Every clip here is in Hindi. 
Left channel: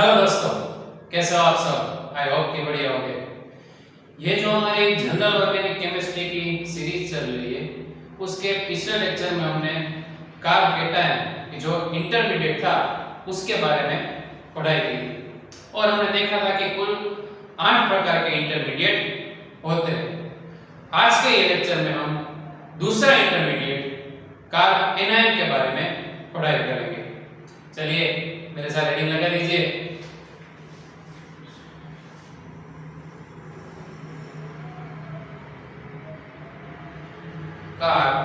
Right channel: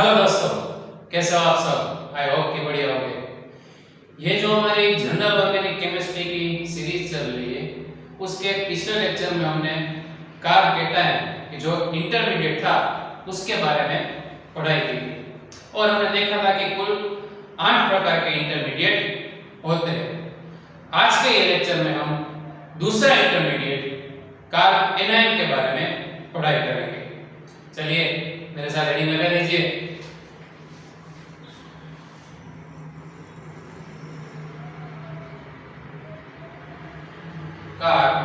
हेलो दोस्तों, कैसे हो आप सब। आई होप कि बढ़िया होंगे। ये जो हमारी जनरल ऑर्गेनिक केमिस्ट्री की सीरीज चल रही है, उसके पिछले लेक्चर में हमने कार्ब केटायन की जो इंटरमीडिएट था उसके बारे में पढ़ाई की और हमने देखा था कि कुल 8 प्रकार के इंटरमीडिएट होते हैं। आज के ये लेक्चर में हम दूसरा इंटरमीडिएट कार्ब एनायन के बारे में पढ़ाई करेंगे। चलिए मेरे साथ हेडिंग लगा दीजिए। Carb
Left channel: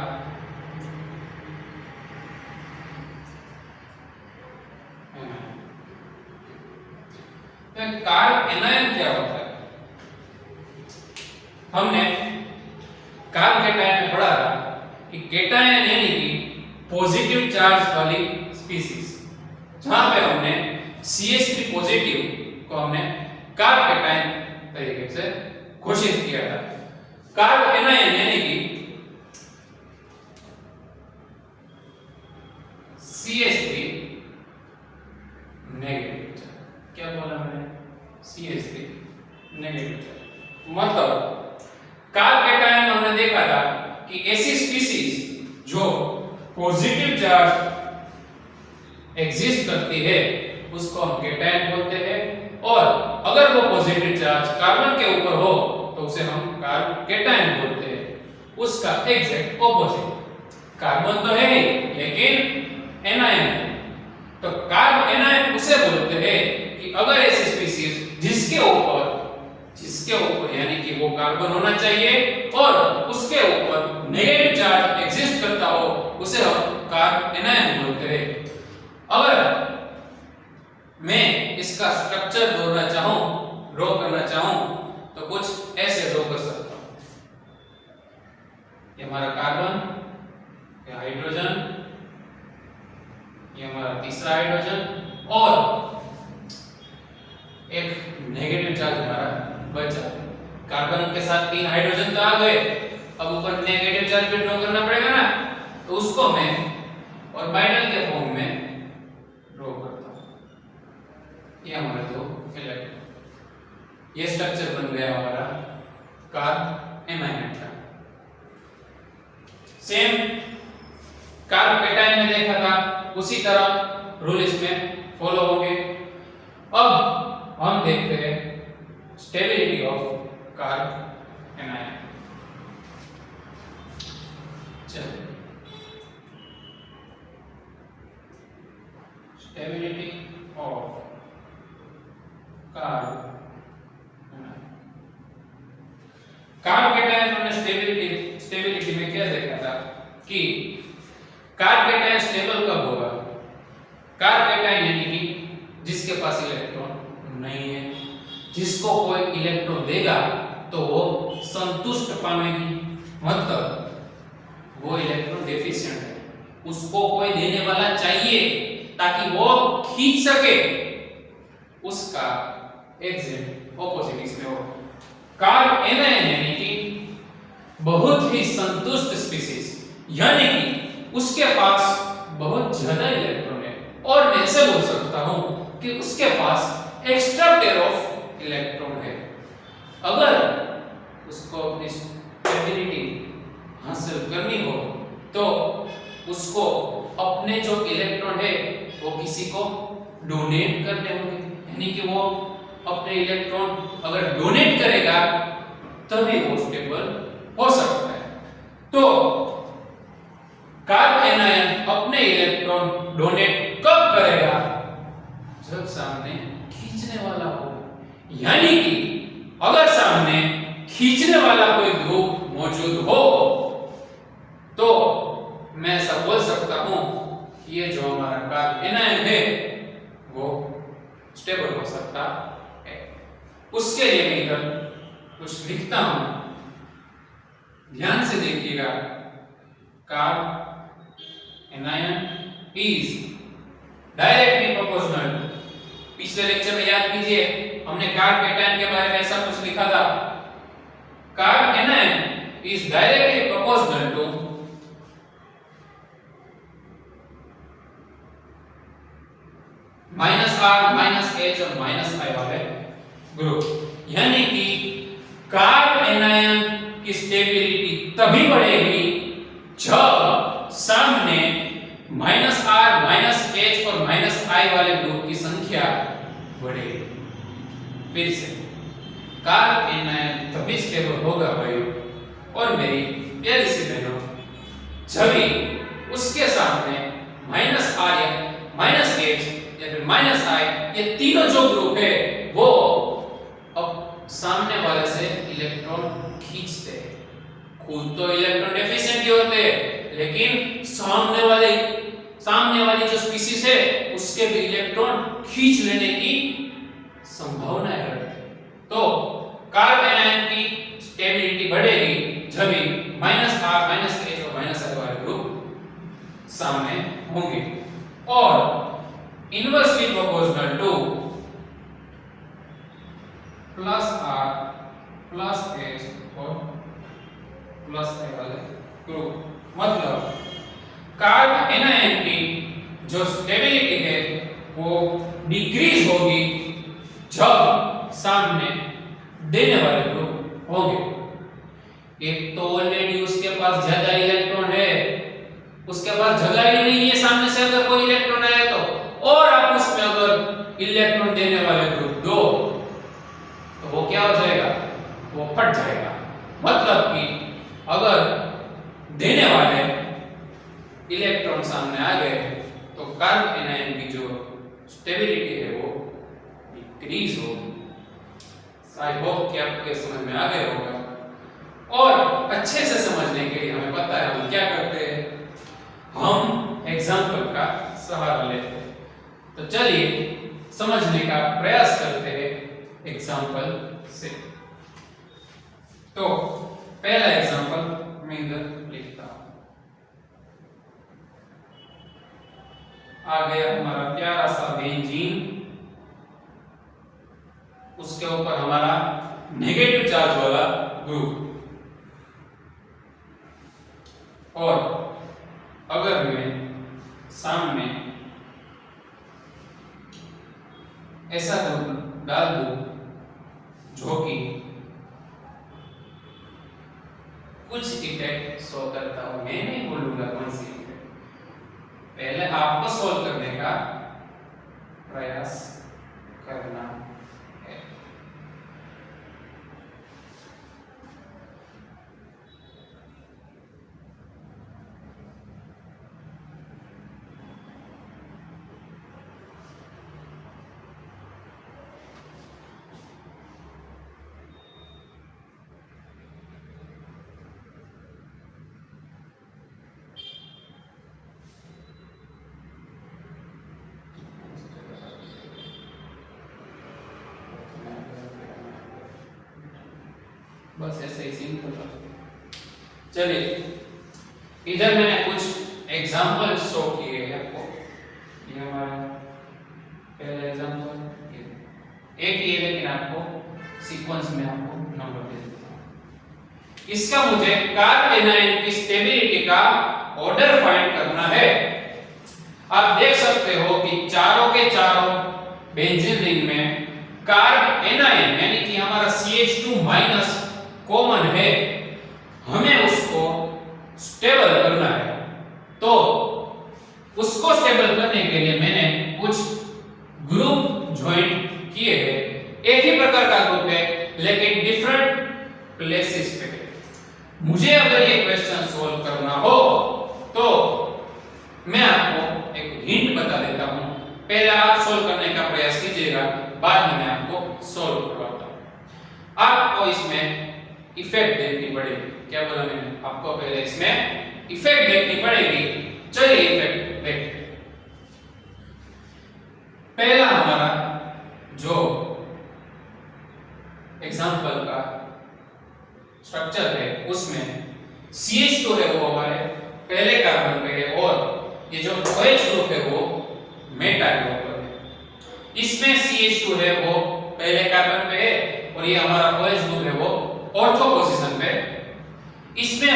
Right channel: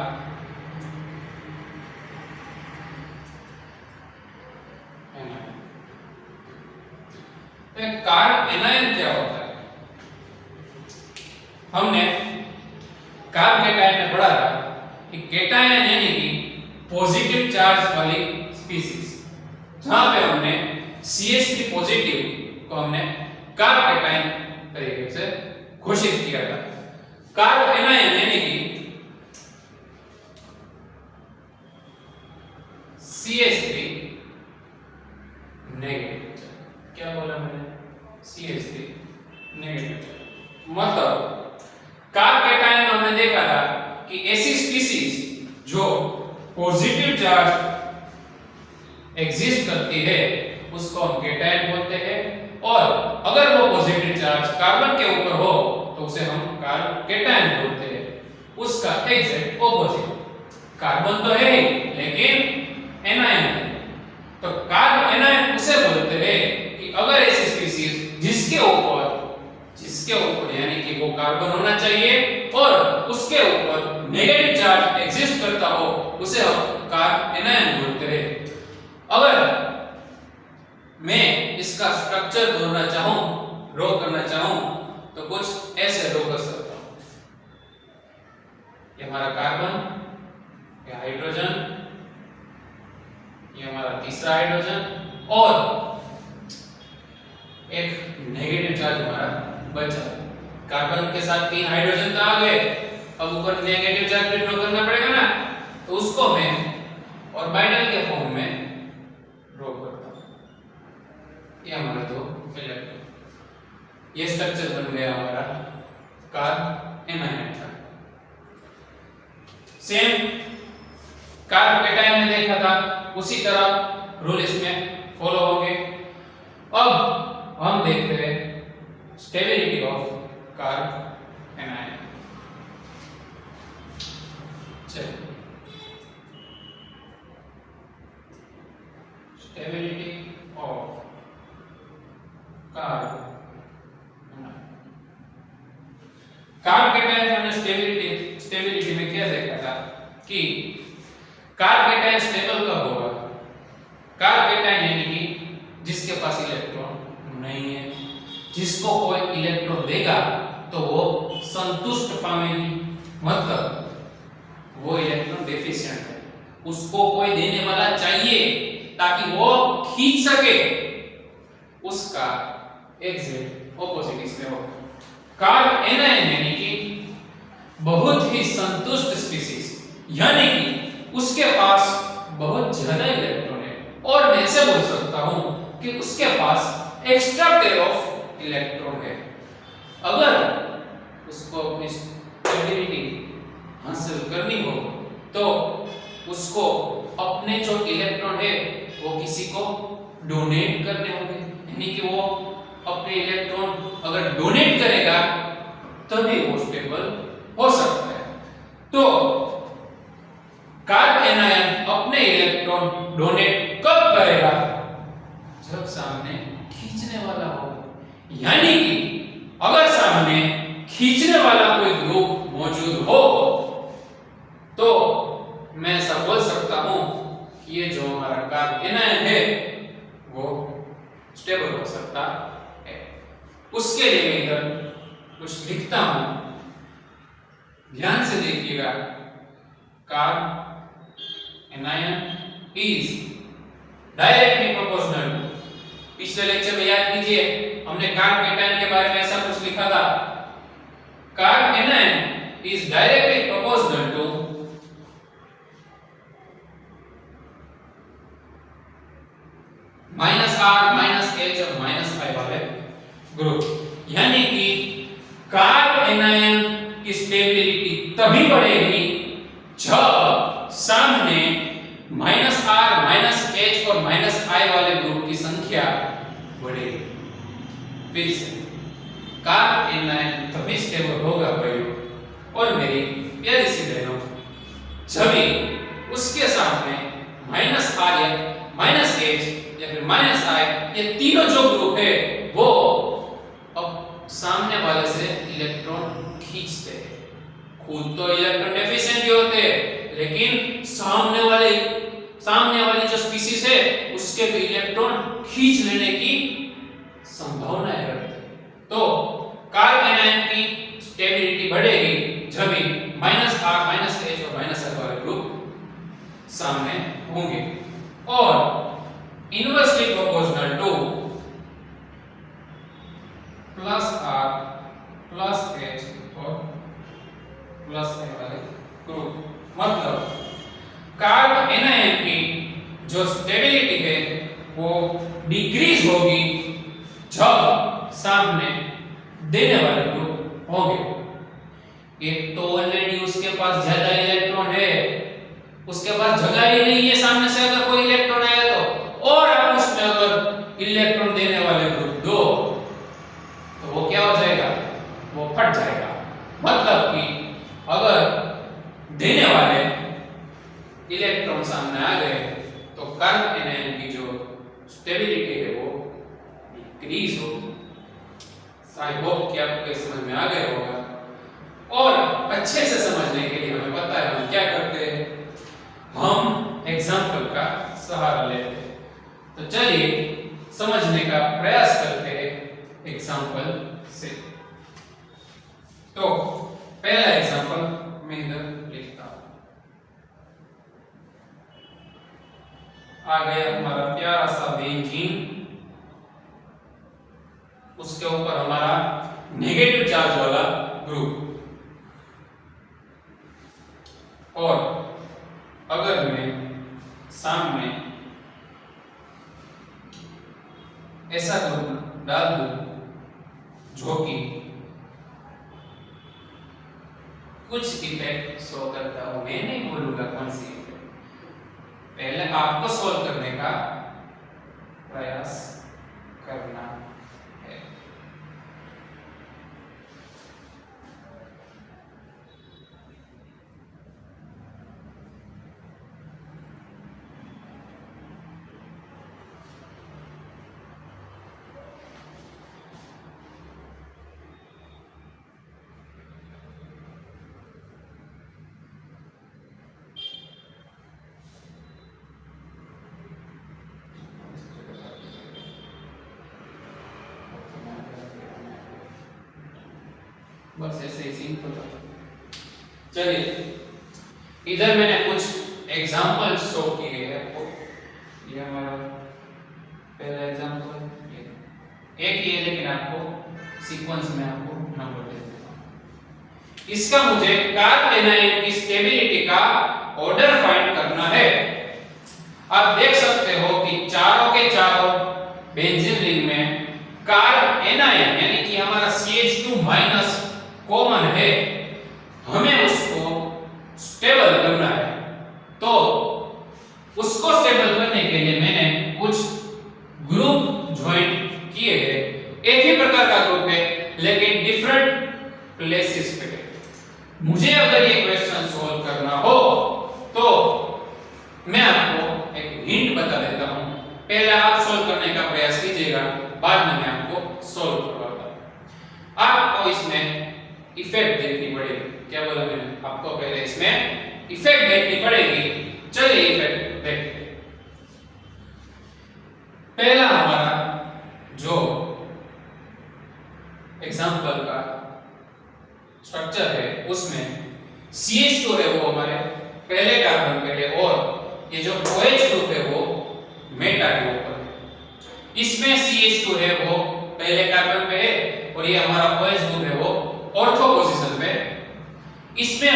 anion. तो कार्ब एनायन क्या होता है? हमने कार्ब केटायन में पढ़ा था कि केटायन यानी कि पॉजिटिव चार्ज वाली स्पीशीज, जहां पे हमने CH3 पॉजिटिव को हमने कार्ब केटायन तरीके से घोषित किया था। कार्ब एनायन यानी कि CH3 नेगेटिव चार्ज। क्या बोला मैंने? CH3 negative charge. मतलब कार्ब केटायन में हमने देखा था कि ऐसी स्पीशीज जो पॉजिटिव चार्ज एग्जिस्ट करती है उसको हम केटायन बोलते हैं, और अगर वो पॉजिटिव चार्ज कार्बन के ऊपर हो तो उसे हम कार्ब केटायन बोलते हैं। उसका एग्जैक्ट ऑपोजिट कार्बन तो है लेकिन एनायन है, तो कार्ब एनायन उसे बोलते हैं कि अगर ऐसी स्पीशीज जिसके ऊपर यानी कि वो कार्बन होना चाहिए और उसके ऊपर नेगेटिव चार्ज एग्जिस्ट करता हो उसे हम कार्ब एनायन बोलते हैं। अगर मैं इसका स्ट्रक्चर ड्रॉ करना चाहूं तो कुछ ऐसे ड्रॉ कर सकता हूं। ये हमारा कार्बन, ये हाइड्रोजन, ये हमारा तीसरा हाइड्रोजन और एक नेगेटिव चार्ज हमारा बचा। कार्बन के साथ 3 हाइड्रोजन तो आ गए, अब ऊपर नेगेटिव चार्ज भी ड्रॉ करना पड़ेगा ना, तो उसको मैं ऑर्बिटल के फॉर्म में ड्रॉ करता हूं। ये हमारे दो इलेक्ट्रॉन, ये स्ट्रक्चर बन गया हमारा कार्ब एनायन का। सेम कार्ब केटायन में देखा था, उसी तरह रूल इसमें फॉलो होंगे। अब हम देखते हैं स्टेबिलिटी ऑफ कार्ब एनायन। चलिए, स्टेबिलिटी ऑफ कार्ब केटायन हमने स्टेबिलिटी में क्या देखा था कि कार्ब केटायन स्टेबल कब होगा? कार्ब केटायन यानी कि जिसके पास इलेक्ट्रॉन नहीं है, जिसको कोई इलेक्ट्रॉन देगा तो वो संतुष्ट पाएगी, मतलब वो इलेक्ट्रॉन डेफिशिएंट है, उसको कोई देने वाला चाहिए ताकि वो खींच सके। उसका एग्जैक्ट ऑपोजिट इसमें होगा। कार्ब एनायन यानी कि बहुत ही संतुष्ट स्पीशीज, यानी कि उसके पास बहुत ज्यादा इलेक्ट्रॉन है, और मैं ऐसे बोल सकता हूं कि उसके पास एक्स्ट्रा पेयर ऑफ इलेक्ट्रॉन है। अगर उसको स्टेबिलिटी हासिल करनी हो तो उसको अपने जो इलेक्ट्रॉन है वो किसी को डोनेट करने होंगे, यानी कि वो अपने इलेक्ट्रॉन अगर डोनेट करेगा तभी वो स्टेबल हो सकता है। तो कार्ब एनायन अपने इलेक्ट्रॉन डोनेट कब करेगा? जब सामने खींचने वाला हो, यानी कि अगर सामने खींचने वाला कोई ग्रुप मौजूद हो तो मैं ऐसा बोल सकता हूं कि ये जो हमारा कार्ब एनायन है वो स्टेबल हो सकता है। उसके लिए मैं इधर कुछ लिखता हूं, ध्यान से देखिएगा। Carbanion is directly proportional to, पिछले लेक्चर में याद कीजिए हमने कार्ब केटायन के बारे में ऐसा कुछ लिखा था। Carbanion is directly proportional to -R -H और -I वाले ग्रुप। यानी कि कार्ब एनायन की स्टेबिलिटी तभी बढ़ेगी जब सामने -R -H और -I वाले ग्रुप की संख्या बढ़ेगी। फिर से कार्ब एनायन तभी स्टेबल होगा भाइयों और मेरी प्यारी सी बहनों, जब उसके सामने -R या -H या फिर -I ये तीनों जो ग्रुप है वो अब सामने वाले से इलेक्ट्रॉन खींचते हैं। खुद तो इलेक्ट्रॉन डेफिशिएंट ही होते हैं, लेकिन सामने वाली जो स्पीशीज है उसके भी इलेक्ट्रॉन खींच लेने की संभावना है। तो कार्ब एनायन की स्टेबिलिटी बढ़ेगी जब भी -R -H और -I वाले ग्रुप सामने होंगे। और inversely proportional to +R +H और +I वाले ग्रुप, मतलब कार्ब एनायन की जो स्टेबिलिटी है वो डिक्रीज होगी जब सामने देने वाले ग्रुप होंगे। एक तो ऑलरेडी उसके पास ज्यादा इलेक्ट्रॉन है, उसके पास जगह ही नहीं है सामने से अगर कोई इलेक्ट्रॉन आया तो, और आप उसमें अगर इलेक्ट्रॉन देने वाले ग्रुप दो तो वो क्या हो जाएगा, वो फट जाएगा। मतलब कि अगर देने वाले इलेक्ट्रॉन सामने आ गए तो कार्ब एनायन की जो स्टेबिलिटी है वो डिक्रीज होगी। आई होप कि आपको समझ में आ गया होगा। और अच्छे से समझने के लिए हमें पता है हम क्या करते हैं, हम एग्जाम्पल का सहारा लेते हैं। तो चलिए समझने का प्रयास करते हैं एग्जाम्पल से। तो पहला एग्जाम्पल मैं इधर लिखता हूं। आ गया हमारा प्यारा सा बेंजीन, उसके ऊपर हमारा नेगेटिव चार्ज वाला ग्रुप। और अगर मैं सामने ऐसा ग्रुप डाल दूं जो कि कुछ इफेक्ट शो करता हो, मैं नहीं बोलूंगा कौन सी इफेक्ट, पहले आपको सोल्व करने का प्रयास करना है। बस ऐसे ही सिंपल। चलिए इधर मैंने कुछ एग्जांपल शो किए हैं आपको। ये हमारा पहला एग्जांपल एक ही है, लेकिन आपको सीक्वेंस में आपको नंबर दे देता हूं। इसका मुझे कार्ब एनायन की स्टेबिलिटी का ऑर्डर फाइंड करना है। आप देख सकते हो कि चारों के चारों बेंजीन रिंग में कार्ब एनायन यानी कि हमारा CH2- कॉमन है, हमें उसको स्टेबल करना है। तो उसको स्टेबल करने के लिए मैंने कुछ ग्रुप ज्वाइन किए हैं। एक ही प्रकार का ग्रुप है लेकिन डिफरेंट प्लेसेस पे है। मुझे अगर ये क्वेश्चन सॉल्व करना हो तो मैं आपको एक हिंट बता देता हूं, पहले आप सॉल्व करने का प्रयास कीजिएगा, बाद में मैं आपको सॉल्व करवाऊंगा। आपको इसमें इफेक्ट देखनी पड़ेगी। क्या बोला मैंने आपको, पहले इसमें इफेक्ट देखनी पड़ेगी। चलिए इफेक्ट देखते हैं। पहला हमारा जो एग्जांपल का स्ट्रक्चर है उसमें CH2 है वो हमारे पहले कार्बन पे है और ये जो OH ग्रुप है वो मेटा के ऊपर है। इसमें CH2 है वो पहले कार्बन पे है और ये हमारा OH ग्रुप है वो ऑर्थो पोजीशन पे। इसमें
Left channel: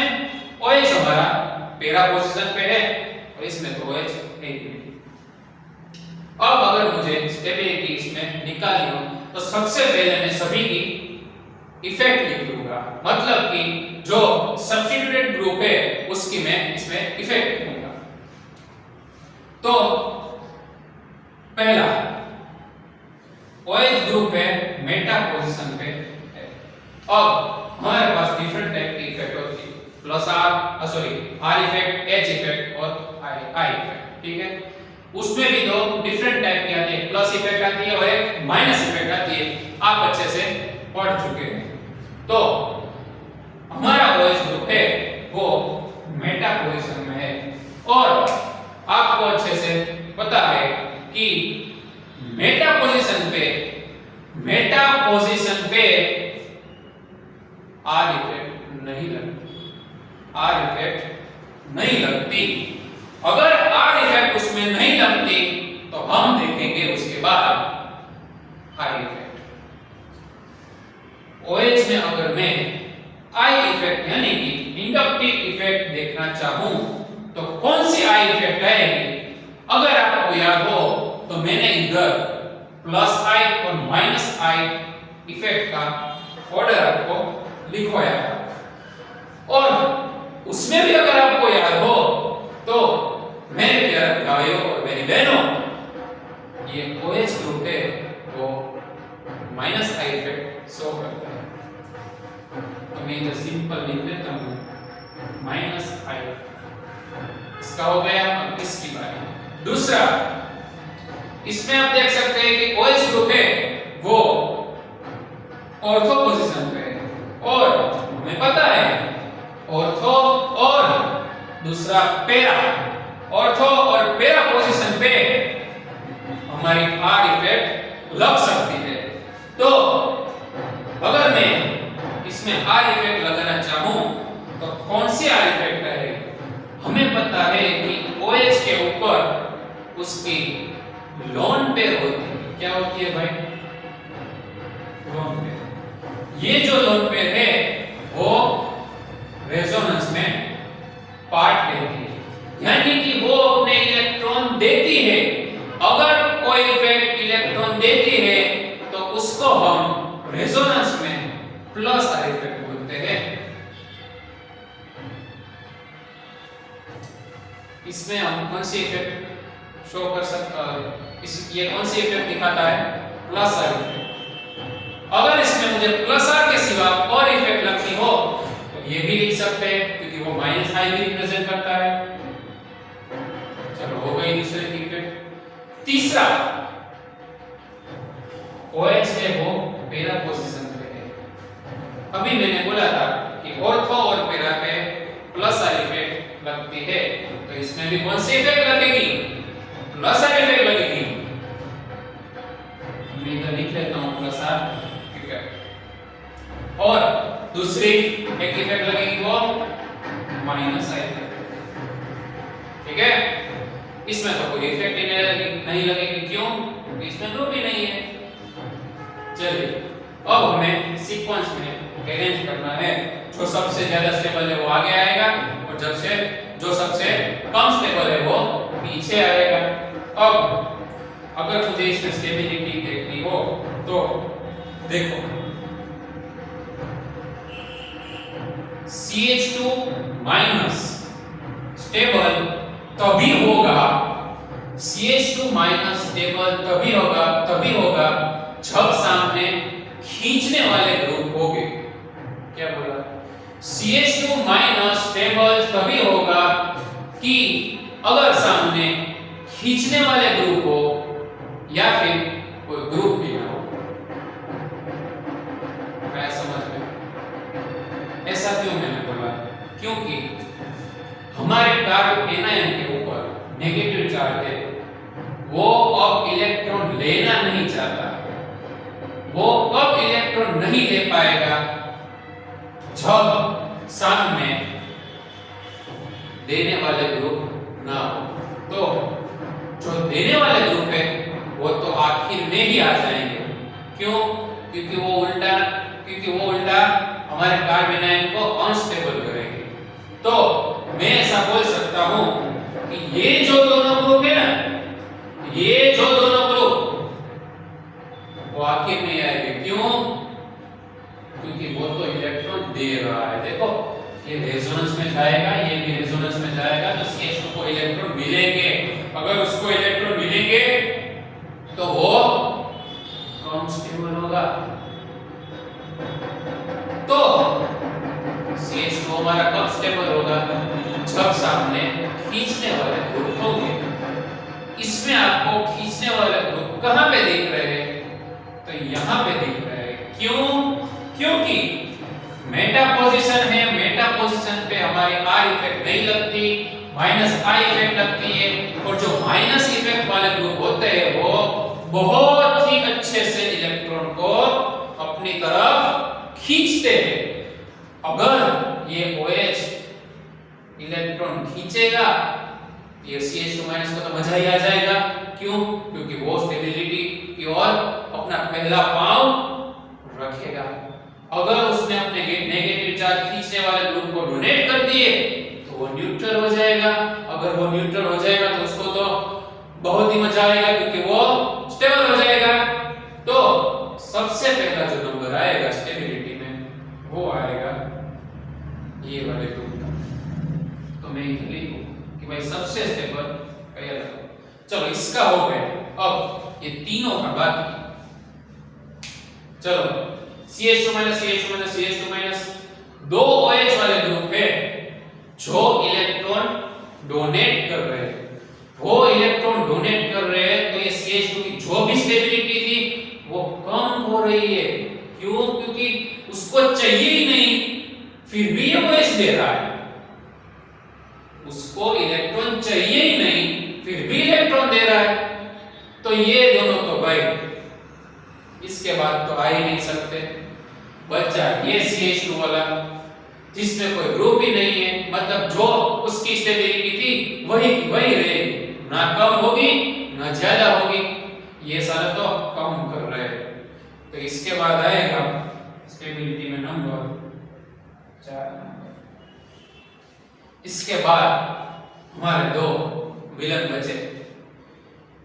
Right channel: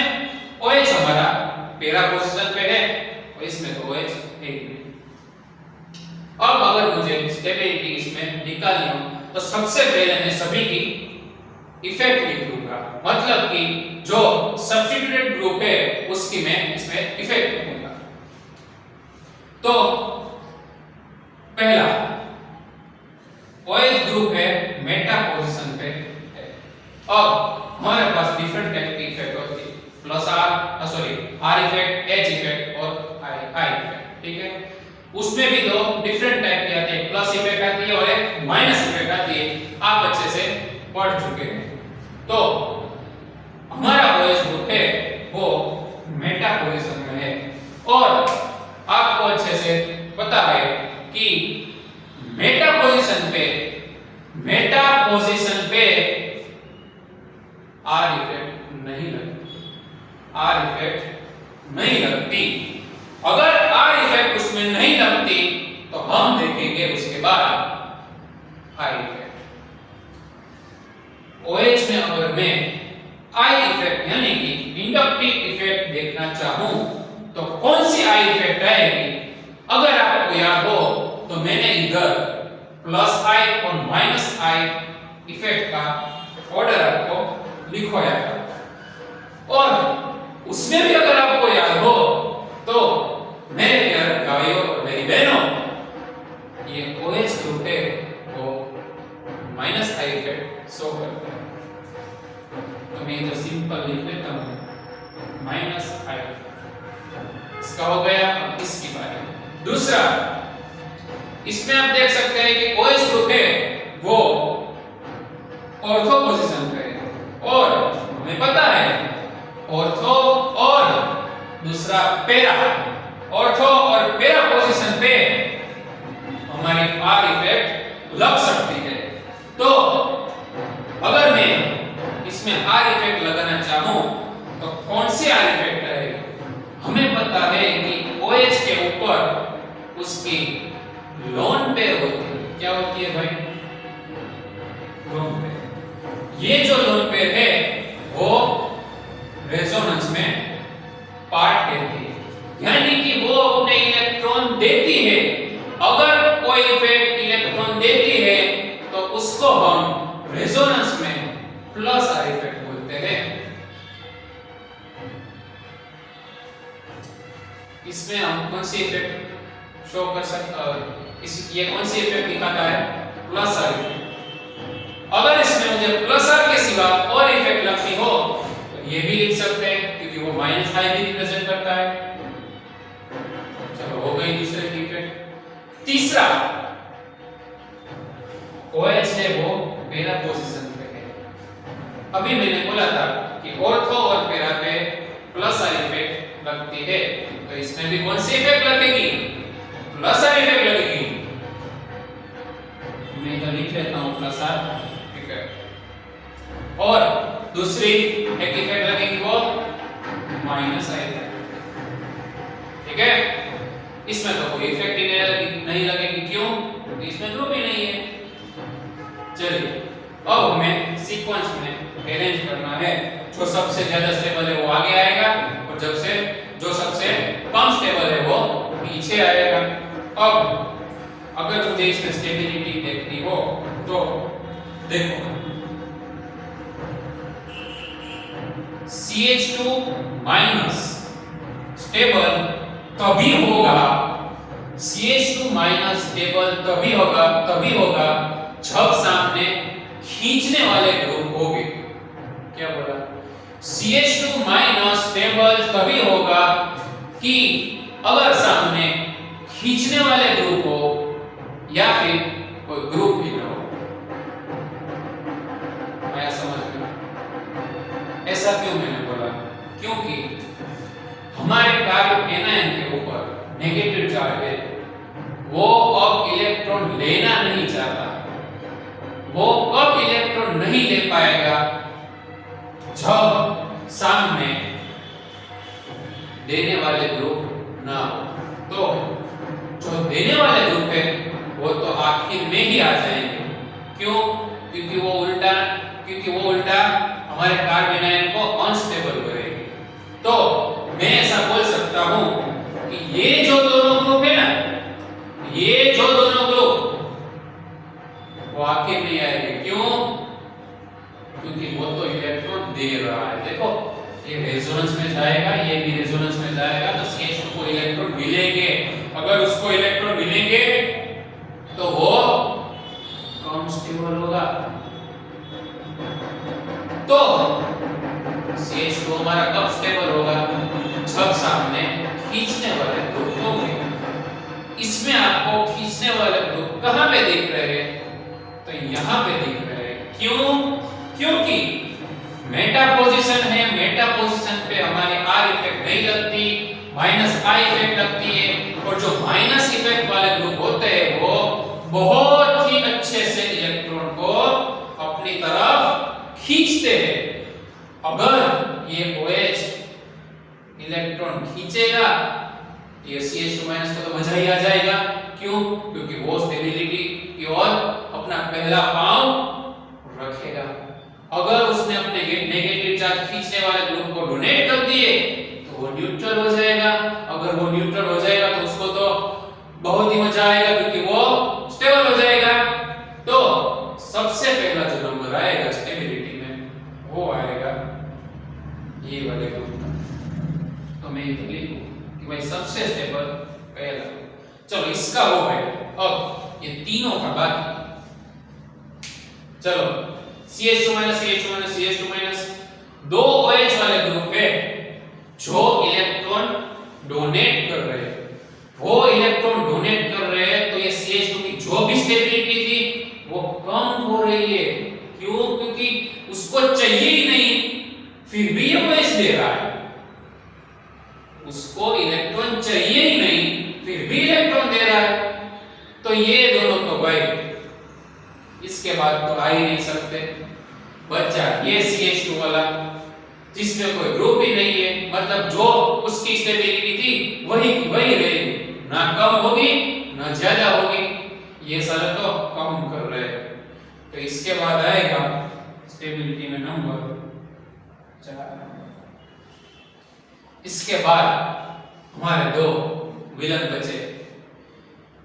OH हमारा पैरा पोजीशन पे है और इसमें तो OH है। अब अगर मुझे स्टेबिलिटी इसमें निकालनी हो तो सबसे पहले मैं सभी की इफेक्ट लिख लूंगा, मतलब कि जो सब्स्टिट्यूटेड ग्रुप है उसकी मैं इसमें इफेक्ट लिखूंगा। तो पहला OH ग्रुप है मेटा पोजीशन पे है। अब हमारे पास डिफरेंट टाइप की इफेक्ट होती है, plus are effect, H effect और आई इफेक्ट, ठीक है। उसमें भी दो डिफरेंट टाइप की आती है, प्लस इफेक्ट आती है और एक माइनस इफेक्ट आती है, आप अच्छे से पढ़ चुके हैं। तो हमारा OH ग्रुप है वो मेटा पोजीशन में है और आपको अच्छे से पता है कि मेटा पोजीशन पे आर इफेक्ट नहीं लगती। अगर आर इफेक्ट उसमें नहीं लगती तो हम देखेंगे उसके बाद आई इफेक्ट। OH में अगर मैं आई इफेक्ट यानी कि इंडक्टिव इफेक्ट देखना चाहूं तो कौन सी आई इफेक्ट आएगी? अगर आपको याद हो तो मैंने इधर प्लस आई और माइनस आई इफेक्ट का ऑर्डर आपको लिखवाया है और उसमें भी अगर आपको याद हो तो मेरे प्यारे भाइयों और मेरी बहनों, ये OH ग्रुप है वो माइनस आई इफेक्ट शो करता है। तो मैं इधर सिंपल लिख देता हूं माइनस आई। इसका हो गया। अब इसकी बारी दूसरा, इसमें आप देख सकते हैं कि OH ग्रुप है वो ऑर्थो पोजीशन पे है और हमें पता है ऑर्थो और दूसरा पैरा, ऑर्थो और पैरा पोजीशन पे हमारी आर इफेक्ट लग सकती है। तो अगर मैं इसमें आर इफेक्ट लगाना चाहूं तो कौन सी आर इफेक्ट आएगी? हमें पता है कि OH के ऊपर उसकी लोन पेयर होती है। क्या होती है भाई? Lone pair. ये जो लोन पेयर है वो रेजोनेंस में पार्ट लेती है, यानी कि वो अपने इलेक्ट्रॉन देती है। अगर कोई इफेक्ट इलेक्ट्रॉन देती है तो उसको हम रेजोनेंस में प्लस आर इफेक्ट बोलते हैं। इसमें हम कौन सी इफेक्ट शो कर सकते ये कौन सी इफेक्ट दिखाता है? Plus are effect. अगर इसमें मुझे प्लस आर के सिवा और इफेक्ट लगती हो तो ये भी लिख सकते हैं क्योंकि वो माइनस आई भी रिप्रेजेंट करता है। चलो हो गई दूसरे की इफेक्ट। तीसरा OH है वो पैरा पोजीशन पे है। अभी मैंने बोला था कि ऑर्थो और पैरा पे प्लस आर इफेक्ट लगती है, तो इसमें भी कौन सी इफेक्ट लगेगी? प्लस आर इफेक्ट लगेगी। मैं इधर लिख लेता हूं प्लस आर इफेक्ट। और दूसरी एक इफेक्ट लगेगी वो माइनस आई इफेक्ट, ठीक है। इसमें तो कोई इफेक्ट ही नहीं लगेगी। क्यों? क्योंकि इसमें ग्रुप ही नहीं है। चलिए अब हमें सीक्वेंस में अरेंज करना है। जो सबसे ज्यादा स्टेबल है वो आगे आएगा और जो सबसे कम स्टेबल है वो पीछे आएगा। अब अगर मुझे इसमें स्टेबिलिटी देखनी हो तो देखो CH2 माइनस स्टेबल तभी होगा, CH2 माइनस स्टेबल तभी होगा जब सामने खींचने वाले ग्रुप होंगे। क्या बोला? CH2 माइनस स्टेबल तभी होगा कि अगर सामने खींचने वाले ग्रुप हो या फिर कोई ग्रुप भी ना हो। आया समझ में? ऐसा क्यों मैंने बोला? क्योंकि हमारे कार्बन एनायन के ऊपर नेगेटिव चार्ज है, वो अब इलेक्ट्रॉन लेना नहीं चाहता। वो कब इलेक्ट्रॉन नहीं ले पाएगा? जब सामने देने वाले ग्रुप ना हो। तो जो देने वाले ग्रुप है वो तो आखिर में ही आ जाएंगे। क्यों? क्योंकि वो उल्टा हमारे कार्बन आयन को अनस्टेबल करेंगे। तो मैं ऐसा बोल सकता हूं कि ये जो दोनों ग्रुप है ना, ये जो दोनों जाएगा, ये भी रेजोनेंस में जाएगा, तो CH2 को इलेक्ट्रॉन मिलेंगे। अगर उसको इलेक्ट्रॉन मिलेंगे तो वो कम स्टेबल होगा। तो CH2 हमारा कब स्टेबल होगा? जब सामने खींचने वाले ग्रुप होंगे। इसमें आपको खींचने वाले ग्रुप कहां पे दिख रहे हैं? तो यहां पे दिख रहे हैं। क्यों? क्योंकि मेटा पोजीशन है, मेटा पोजीशन पे हमारी R इफेक्ट नहीं लगती, माइनस I इफेक्ट लगती है। और जो माइनस इफेक्ट वाले ग्रुप होते हैं वो बहुत ही अच्छे से इलेक्ट्रॉन को अपनी तरफ खींचते हैं। अगर ये OH इलेक्ट्रॉन खींचेगा, ये CH2 माइनस का तो मजा ही आ जाएगा। क्यों? क्योंकि वो स्टेबिलिटी की ओर अपना पहला पांव रखेगा। अगर उसने अपने नेगेटिव चार्ज खींचने वाले ग्रुप को डोनेट कर दिए तो वो न्यूट्रल हो जाएगा। अगर वो न्यूट्रल हो जाएगा तो उसको तो बहुत ही मजा आएगा, क्योंकि वो स्टेबल हो जाएगा। तो सबसे पहला जो नंबर आएगा स्टेबिलिटी में वो आएगा ये वाले ग्रुप का। तो मैं इधर लिखूं कि भाई सबसे स्टेबल पहला। चलो इसका हो गया। अब ये तीनों का बाकी। चलो CH2 CH2 दो OH वाले ग्रुप पे जो इलेक्ट्रॉन डोनेट कर रहे हैं, वो इलेक्ट्रॉन डोनेट कर रहे हैं, तो ये CH2 की जो भी स्टेबिलिटी थी वो कम हो रही है। क्यों? क्योंकि उसको चाहिए ही नहीं, फिर भी ये OH दे रहा है। उसको इलेक्ट्रॉन चाहिए ही नहीं, फिर भी इलेक्ट्रॉन दे रहा है। तो ये दोनों तो भाई इसके बाद तो आ ही नहीं सकते। बच्चा ये CH2 वाला जिसमें कोई ग्रुप ही नहीं है, मतलब जो उसकी स्टेबिलिटी थी वही रहेगी, ना कम होगी ना ज्यादा होगी। ये सारा तो कम कर रहे हैं। तो इसके बाद आएगा स्टेबिलिटी में नंबर 4। इसके बाद हमारे दो विलन बचे,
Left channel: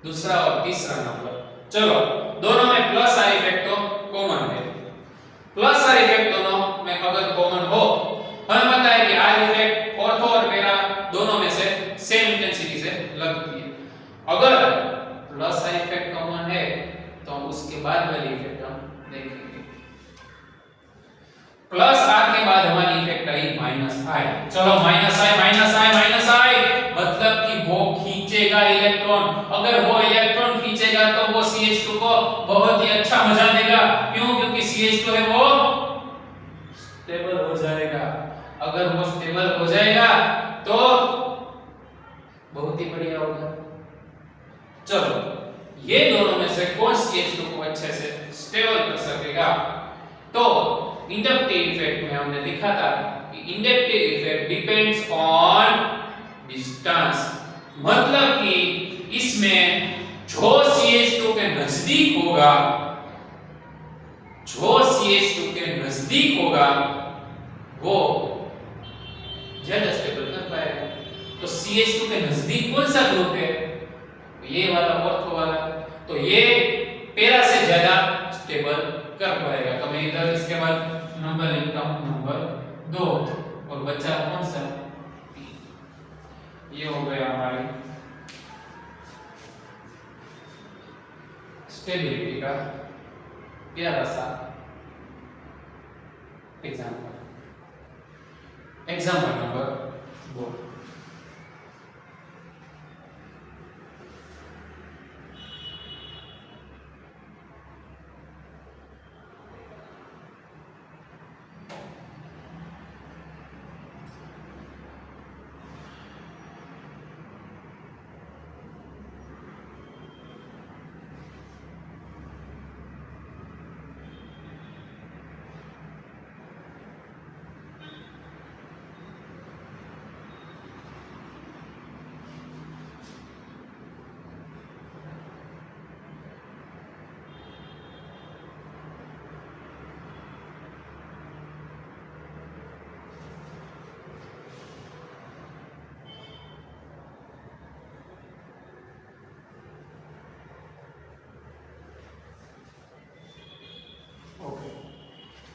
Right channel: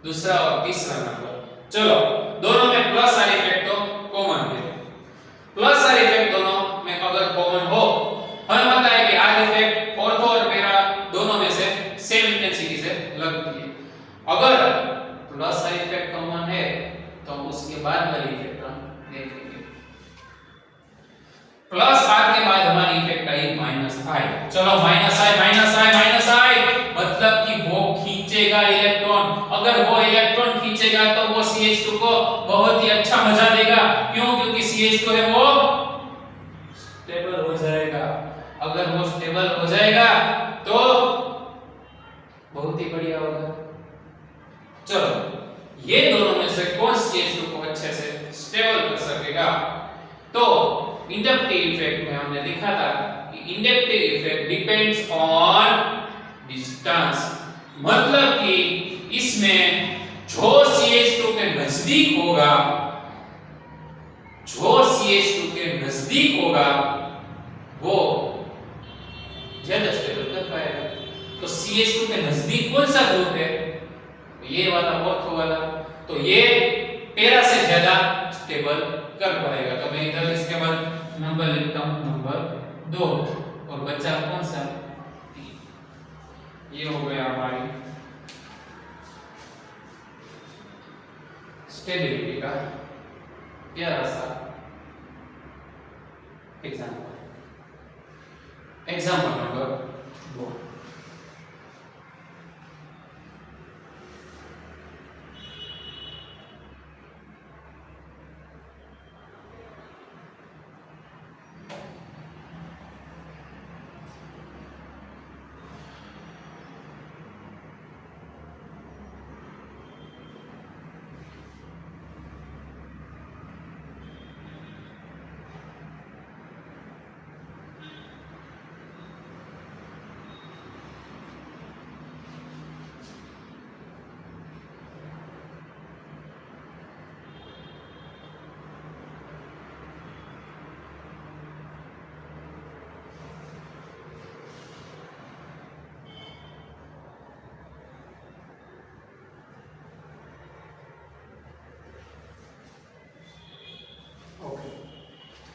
दूसरा और तीसरा नंबर। चलो दोनों में प्लस आर इफेक्ट तो कॉमन है। प्लस आर इफेक्ट दोनों में अगर कॉमन हो, हमें पता है कि आर इफेक्ट ऑर्थो और पैरा दोनों में से सेम इंटेंसिटी से लगती है। अगर प्लस आर इफेक्ट कॉमन है तो हम उसके बाद वाली इफेक्ट हम देखेंगे। प्लस आर के बाद हमारी इफेक्ट आई माइनस आई। चलो माइनस आई मतलब कि वो खींचेगा इलेक्ट्रॉन। अगर वो इलेक्ट्रॉन खींचेगा तो वो CH2 को बहुत ही अच्छा मजा देगा। क्यों? क्योंकि CH2 है वो स्टेबल हो जाएगा। अगर वो स्टेबल हो जाएगा तो बहुत ही बढ़िया होगा। चलो ये दोनों में से कौन CH2 को अच्छे से स्टेबल कर सकेगा? तो इंडक्टिव इफेक्ट में हमने देखा था कि inductive effect depends on distance, मतलब कि इसमें जो CH2 के नजदीक होगा, वो ज्यादा स्टेबल कर पाएगा। तो CH2 के नजदीक कौन सा ग्रुप है? ये वाला, ऑर्थो वाला। तो ये पैरा से ज्यादा स्टेबल कर पाएगा। तो मैं इधर इसके बाद नंबर लिखता हूं, नंबर 2। और बच्चा कौन सा? ये हो गया हमारी स्टेबिलिटी का प्यारा सा एग्जाम्पल नंबर 2।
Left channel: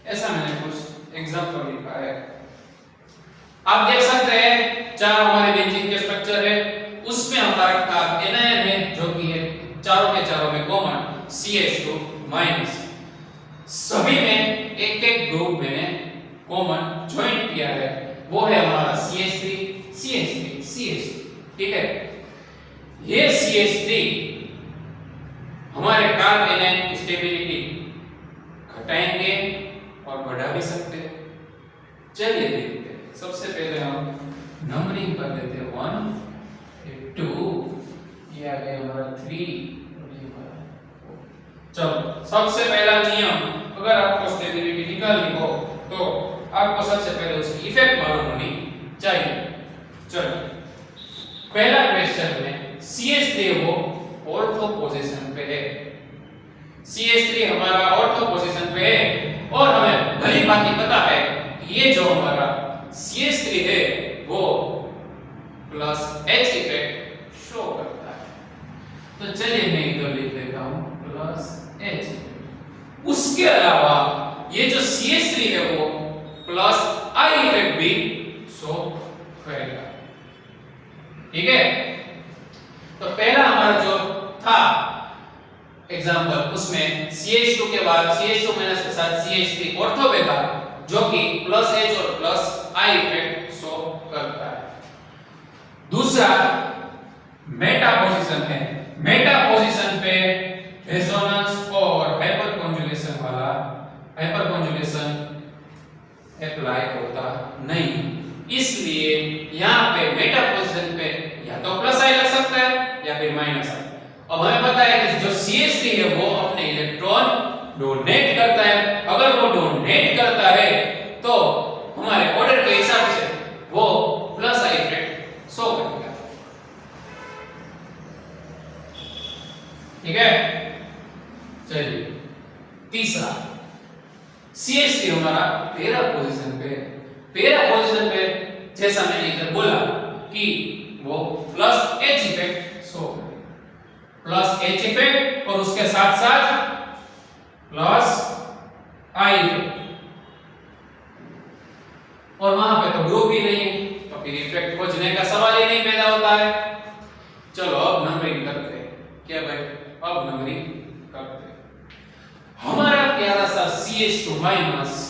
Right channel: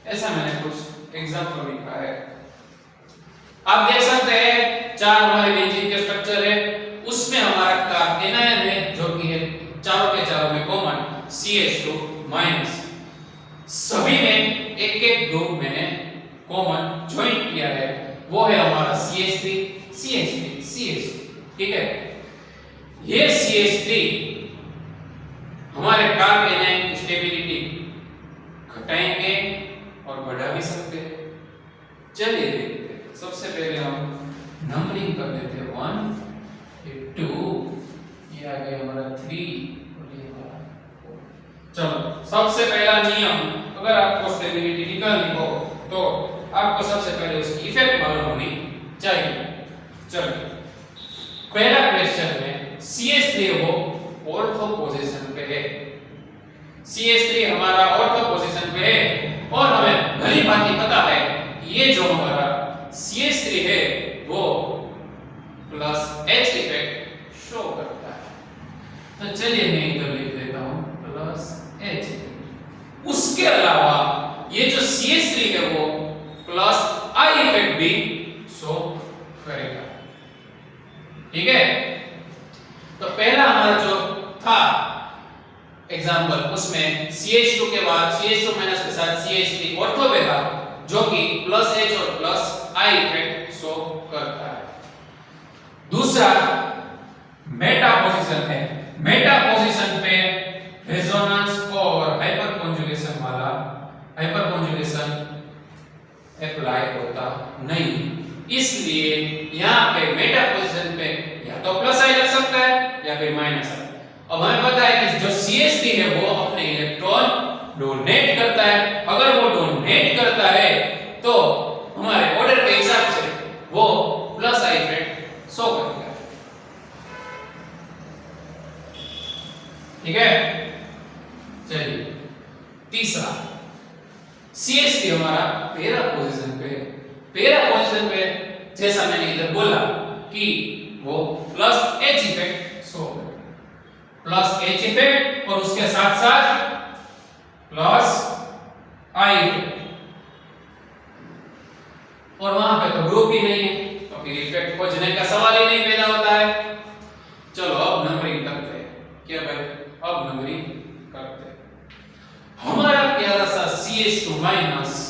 ऐसा मैंने कुछ एग्जाम्पल लिखा है। आप देख सकते हैं चार हमारे बेंजीन के स्ट्रक्चर है, उसमें हमारा कार्ब एनायन है जो कि है चारों के चारों में कॉमन CH2 माइनस। सभी में एक एक ग्रुप मैंने कॉमन ज्वाइन किया है, वो है हमारा CH3 CH3 CH3, ठीक है। ये CH3 हमारे कार्ब एनायन की स्टेबिलिटी घटाएंगे और बढ़ा भी सकते हैं। चलिए देखते हैं। सबसे पहले हम नंबरिंग कर देते हैं 1 ये 2 ये आ गया हमारा 3 और ये हमारा 4। चलो सबसे पहला नियम, अगर आपको स्टेबिलिटी निकालनी हो तो आपको सबसे पहले उसकी इफेक्ट मालूम होनी चाहिए। चलो पहला क्वेश्चन में CH3 वो ऑर्थो पोजीशन पे है, CH3 हमारा ऑर्थो पोजीशन पे है और हमें भली भांति पता है कि ये जो हमारा CH3 है वो प्लस H इफेक्ट शो करता है। तो चलिए मैं इधर लिख देता हूं प्लस H। उसके अलावा ये जो CH3 है वो प्लस I इफेक्ट भी शो करेगा, ठीक है। तो पहला हमारा जो था एग्जांपल, उसमें CH2 के बाद CH2 माइनस के साथ CH3 ऑर्थो पे था जो कि प्लस H और प्लस I इफेक्ट शो करता है। दूसरा मेटा पोजीशन है, मेटा पोजीशन पे रेजोनेंस और हाइपर कॉन्जुगेशन वाला हाइपर कॉन्जुगेशन अप्लाई होता नहीं, इसलिए यहाँ पे मेटा पोजीशन पे या तो प्लस I लग सकता है या फिर माइनस I। अब हमें पता है कि जो CH3 है वो अपने इलेक्ट्रॉन डोनेट करता है, अगर वो डोनेट करता है तो हमारे ऑर्डर के हिसाब से वो प्लस I इफेक्ट शो करेगा, ठीक है। चलिए तीसरा CH3 हमारा पैरा पोजीशन पे है, पैरा पोजीशन पे जैसा मैंने इधर बोला कि वो प्लस H इफेक्ट शो करेगा, प्लस H इफेक्ट और उसके साथ साथ प्लस I इफेक्ट, और वहां पे तो ग्रुप ही नहीं है तो फिर इफेक्ट खोजने का सवाल ही नहीं पैदा होता है। चलो अब नंबरिंग करते हैं। क्या भाई, अब नंबरिंग करते हैं। हमारा प्यारा सा CH2 माइनस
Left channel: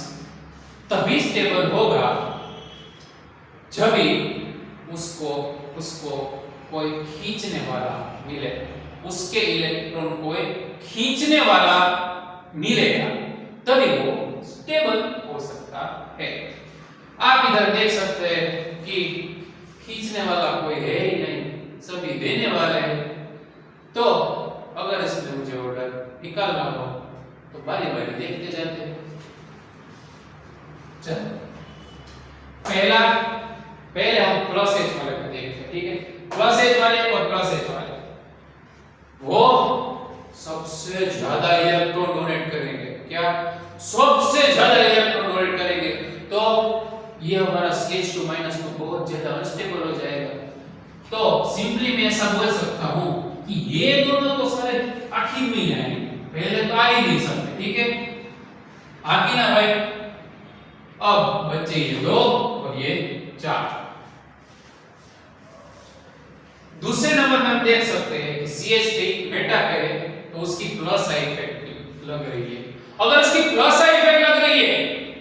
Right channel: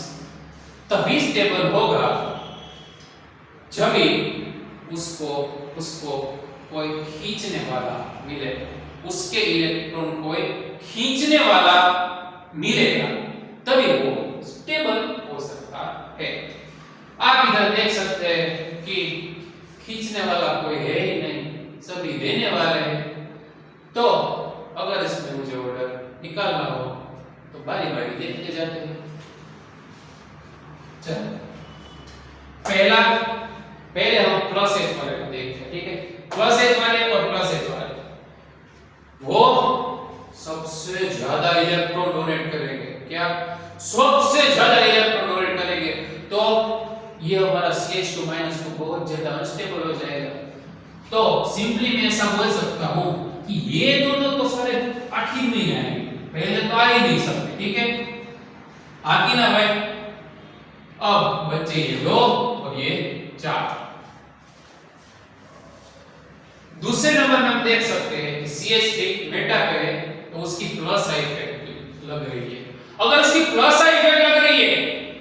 तभी स्टेबल होगा जब भी उसको कोई खींचने वाला मिले, उसके इलेक्ट्रॉन कोई खींचने वाला मिलेगा तभी वो स्टेबल हो सकता है। आप इधर देख सकते हैं कि खींचने वाला कोई है ही नहीं, सभी देने वाले हैं। तो अगर इसमें मुझे ऑर्डर निकालना हो तो बारी बारी देखते जाते हैं। चलो पहले हम प्लस H वाले को देखते हैं, ठीक है। प्लस H वाले और प्लस H वाले वो सबसे ज्यादा इलेक्ट्रॉन डोनेट करेंगे। क्या? सबसे ज्यादा इलेक्ट्रॉन डोनेट करेंगे, तो ये हमारा CH2 माइनस को बहुत ज्यादा अनस्टेबल हो जाएगा। तो सिंपली मैं ऐसा बोल सकता हूं कि ये दोनों तो सारे आखिर में ही आएंगे, पहले तो आ ही नहीं सकते, ठीक है। आगे ना भाई, अब बच्चे ये 2 और ये 4। दूसरे नंबर में हम देख सकते हैं कि CH3 मेटा पे है तो उसकी प्लस I इफेक्ट भी लग रही है। अगर उसकी प्लस I इफेक्ट लग रही है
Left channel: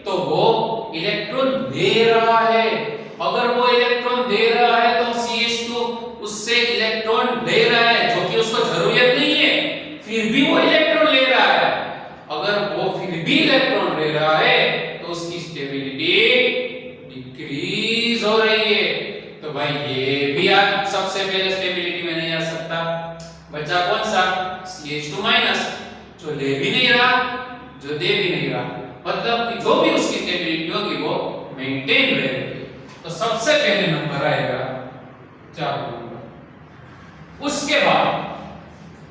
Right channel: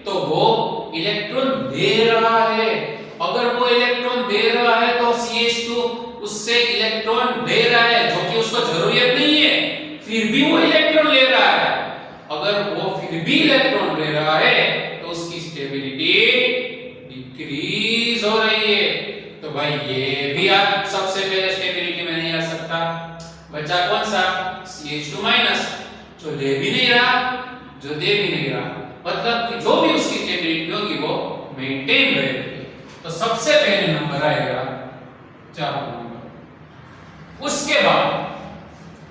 तो वो इलेक्ट्रॉन दे रहा है। अगर वो इलेक्ट्रॉन दे रहा है तो CH2 उससे इलेक्ट्रॉन ले रहा है जो कि उसको जरूरत नहीं है, फिर भी वो इलेक्ट्रॉन ले रहा है। अगर वो फिर भी इलेक्ट्रॉन ले रहा है तो उसकी स्टेबिलिटी डिक्रीज हो रही है। तो भाई ये भी आप सबसे पहले स्टेबिलिटी में नहीं आ सकता। बचा कौन सा? CH2 माइनस, जो ले भी नहीं रहा, जो दे भी नहीं रहा, मतलब कि जो भी उसकी स्टेबिलिटी होगी वो मेंटेन रहेगी। तो सबसे पहले नंबर आएगा 4 नंबर।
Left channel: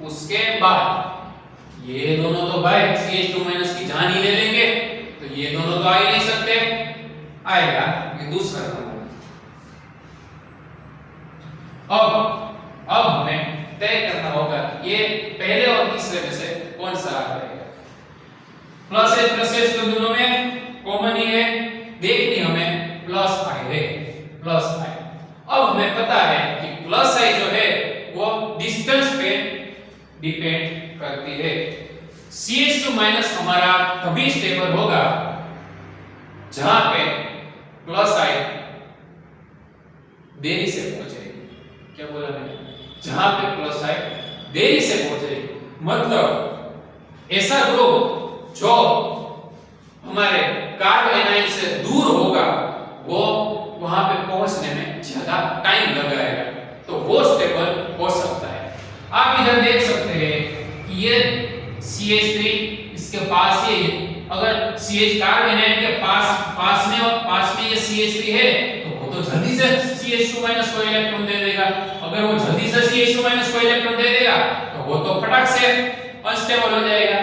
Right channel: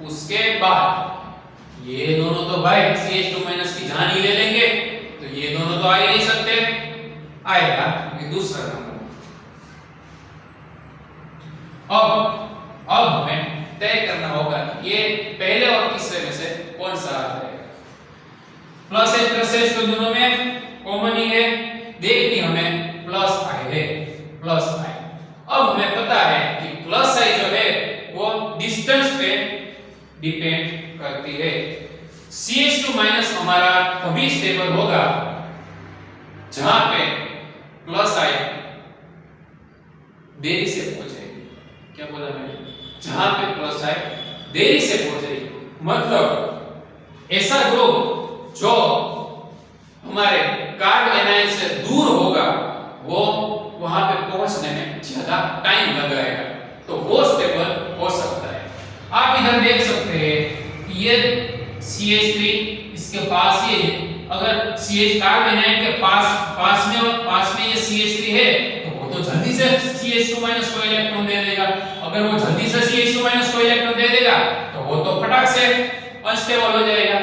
उसके बाद ये दोनों तो भाई CH2 माइनस की जान ही ले लेंगे, तो ये दोनों तो आ ही नहीं सकते। आएगा ये दूसरा नंबर। अब हमें तय करना होगा ये पहले और तीसरे में से कौन सा आ जाएगा। प्लस H तो दोनों में कॉमन ही है, देखनी हमें प्लस I है। प्लस आई। अब हमें पता है कि प्लस आई जो है वो डिस्टेंस पे डिपेंड करती है। CH2 माइनस हमारा तभी स्टेबल होगा जहां पे प्लस आई देरी से पहुंचेगी। क्या बोला मैंने? जहां पे प्लस आई देरी से पहुंचेगी, मतलब ऐसा ग्रुप जो हमारे कार्ब एनायन से दूर होगा वो वहां पे पहुंचने में ज्यादा टाइम लगाएगा, तो वो स्टेबल हो सकता है। आप इधर देख सकते हैं कि ये CH3 इसके पास ही है। अगर CH कार्ब एनायन के पास में ये CH3 है तो वो तो जल्दी से CH2 माइनस को इलेक्ट्रॉन दे देगा। अगर वो जल्दी से CH2 माइनस को इलेक्ट्रॉन दे देगा तो वो तो फटाक से अनस्टेबल हो जाएगा।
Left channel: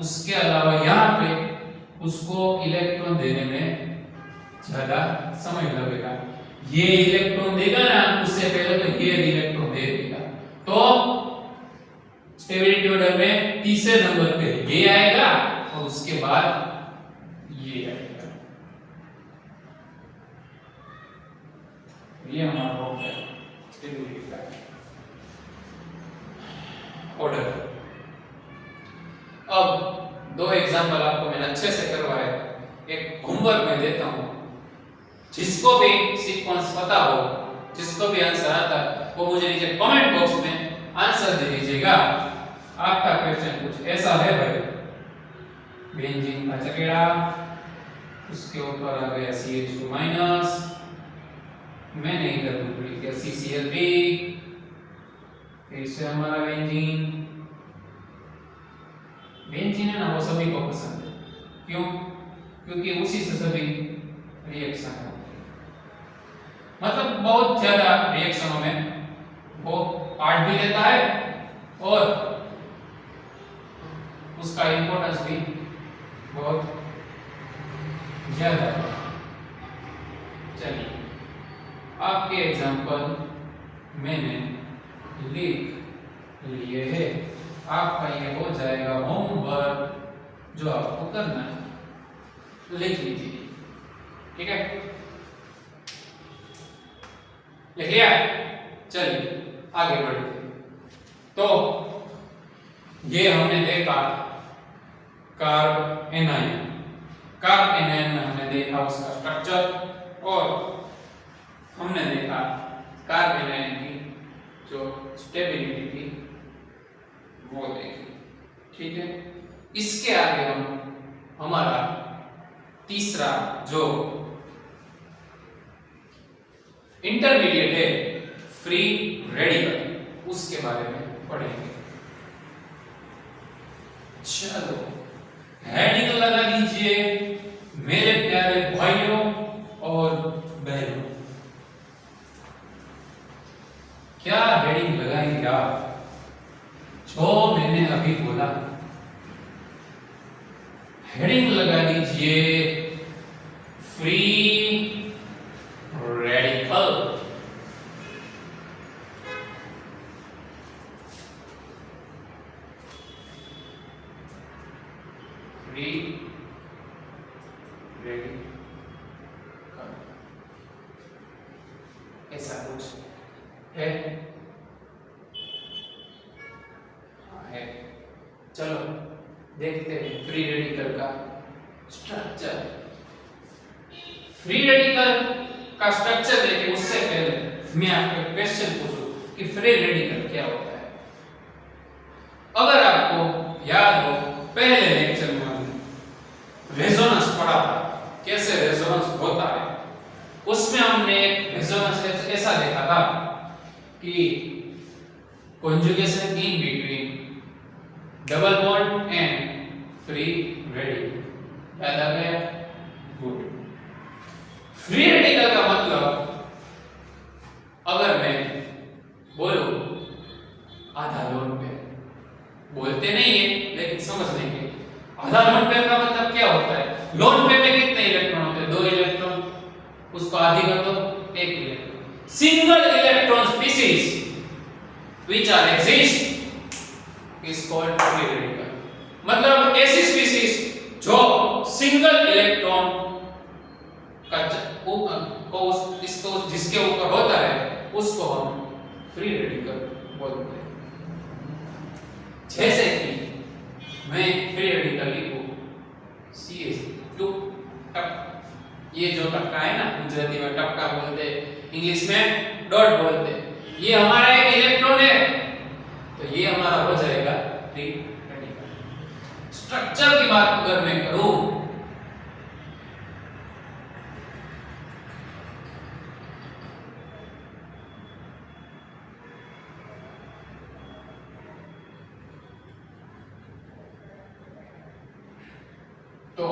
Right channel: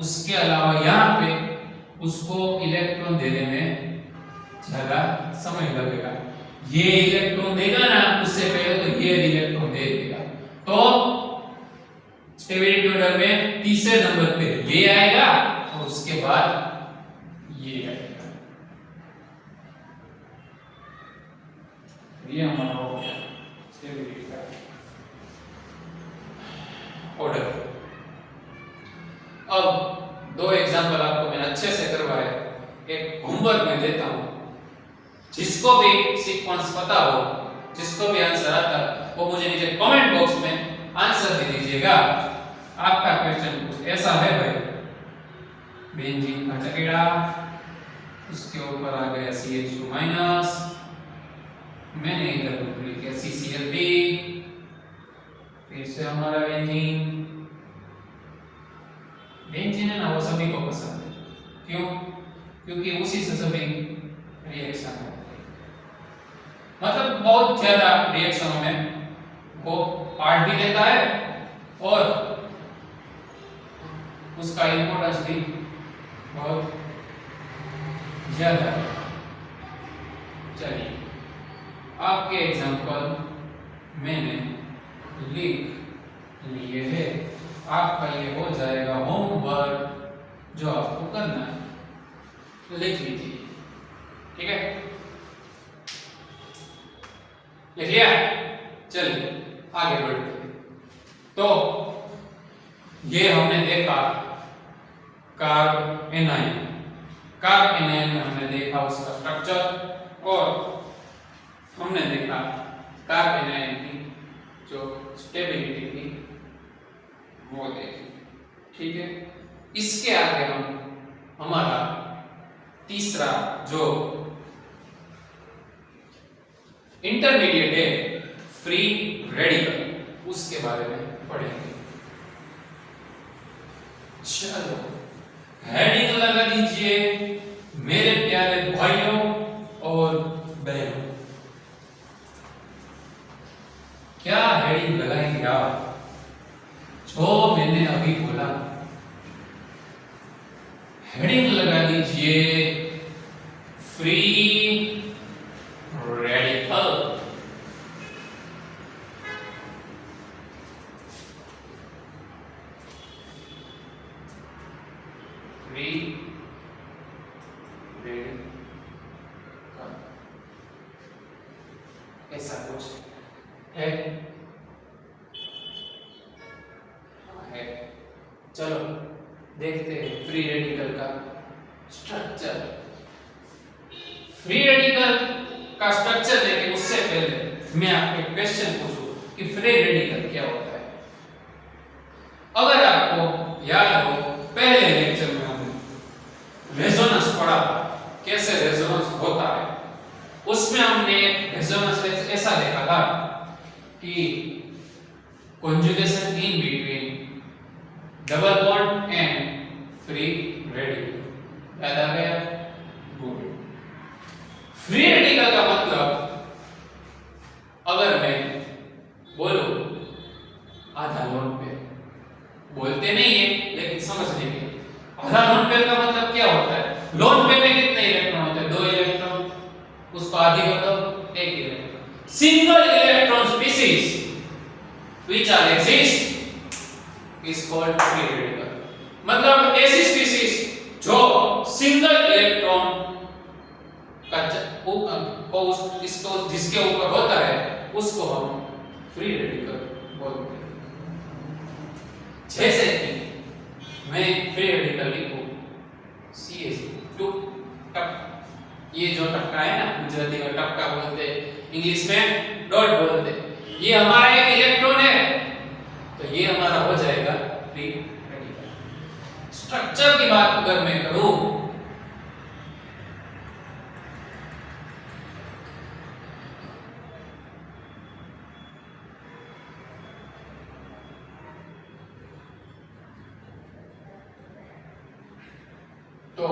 उसके अलावा यहाँ पे उसको इलेक्ट्रॉन देने में ज्यादा समय लगेगा। ये इलेक्ट्रॉन देगा ना, उससे पहले तो ये इलेक्ट्रॉन दे देगा, तो स्टेबिलिटी ऑर्डर में तीसरे नंबर पे ये आएगा और उसके बाद ये आएगा। ये हमारा हो गया स्टेबिलिटी का ऑर्डर। अब दो एग्जांपल आपको मैंने अच्छे से करवाया, एक होमवर्क में देता हूं। जिसको भी सीक्वेंस पता हो, जिसको भी आंसर आता वो मुझे नीचे कमेंट बॉक्स में आंसर दे दीजिएगा। आपका क्वेश्चन कुछ ऐसा है भाई, बेंजीन का चकेड़ा, उसके ऊपर आ गया CH2 माइनस, मैंने इधर लिख दिया CCl3, फिर से हमारा बेंजीन है ना, वो सभी को पसंद है। क्यों? क्योंकि उसी से सभी रिएक्शन होते हैं, मतलब बहुत ज्यादा रिएक्शनों में वो पार्ट भी लेता है और उसका इंपॉर्टेंस भी बहुत ज्यादा है। चलिए आपके एग्जांपल मैंने लिख लिए हैं, आपका ये हो जाएगा होमवर्क जो आपको करना है, लिख लीजिए। ठीक है, लिखिए। चलिए आगे बढ़ते हैं। तो ये हमने देखा कार्ब एनायन। कार्ब एनायन में हमने देखा उसका स्ट्रक्चर और हमने देखा कार्ब एनायन की जो स्टेबिलिटी थी वो देखी। ठीक है, इसके आगे हम हमारा तीसरा जो इंटरमीडिएट है फ्री रेडिकल, उसके बारे में पढ़ेंगे। चलो हेडिंग लगा लीजिए मेरे प्यारे भाइयों और बहनों। क्या हेडिंग लगाएंगे आप? जो मैंने अभी बोला, हेडिंग लगा लीजिए फ्री रेडिकल। फ्री रेडिकल ऐसा कुछ है। चलो देखते हैं फ्री रेडिकल का स्ट्रक्चर। फ्री रेडिकल का स्ट्रक्चर देखें उससे पहले मैं आपको एक क्वेश्चन पूछूं कि फ्री रेडिकल क्या होता है। अगर आपको याद हो, पहले लेक्चर में हमने रेजोनेंस पढ़ा था, कैसे रेजोनेंस होता है। उसमें हमने एक रेजोनेंस ऐसा देखा था कि conjugation in between double bond and free radical। याद आ गया? गुड। फ्री रेडिकल का मतलब अगर मैं बोलूं आधा लोन पेयर, बोलते नहीं है लेकिन समझ लेंगे। आधा लोन पेयर का मतलब क्या होता है? लोन पेयर में कितने इलेक्ट्रॉन होते हैं? 2 इलेक्ट्रॉन, उसको आधी कर दो 1 electron. Single electron species which are exist is called free radical। मतलब ऐसी स्पीसीज जो सिंगल इलेक्ट्रॉन का को इसको जिसके ऊपर होता है उसको हम फ्री रेडिकल बोलते हैं। जैसे कि मैं फ्री रेडिकल लिखूं CH2 टप, ये जो टपका है ना, गुजराती में टपका बोलते हैं, इंग्लिश में डॉट बोलते हैं, ये हमारा एक इलेक्ट्रॉन है, तो ये हमारा हो जाएगा फ्री रेडिकल। स्ट्रक्चर की बात अगर मैं करूं तो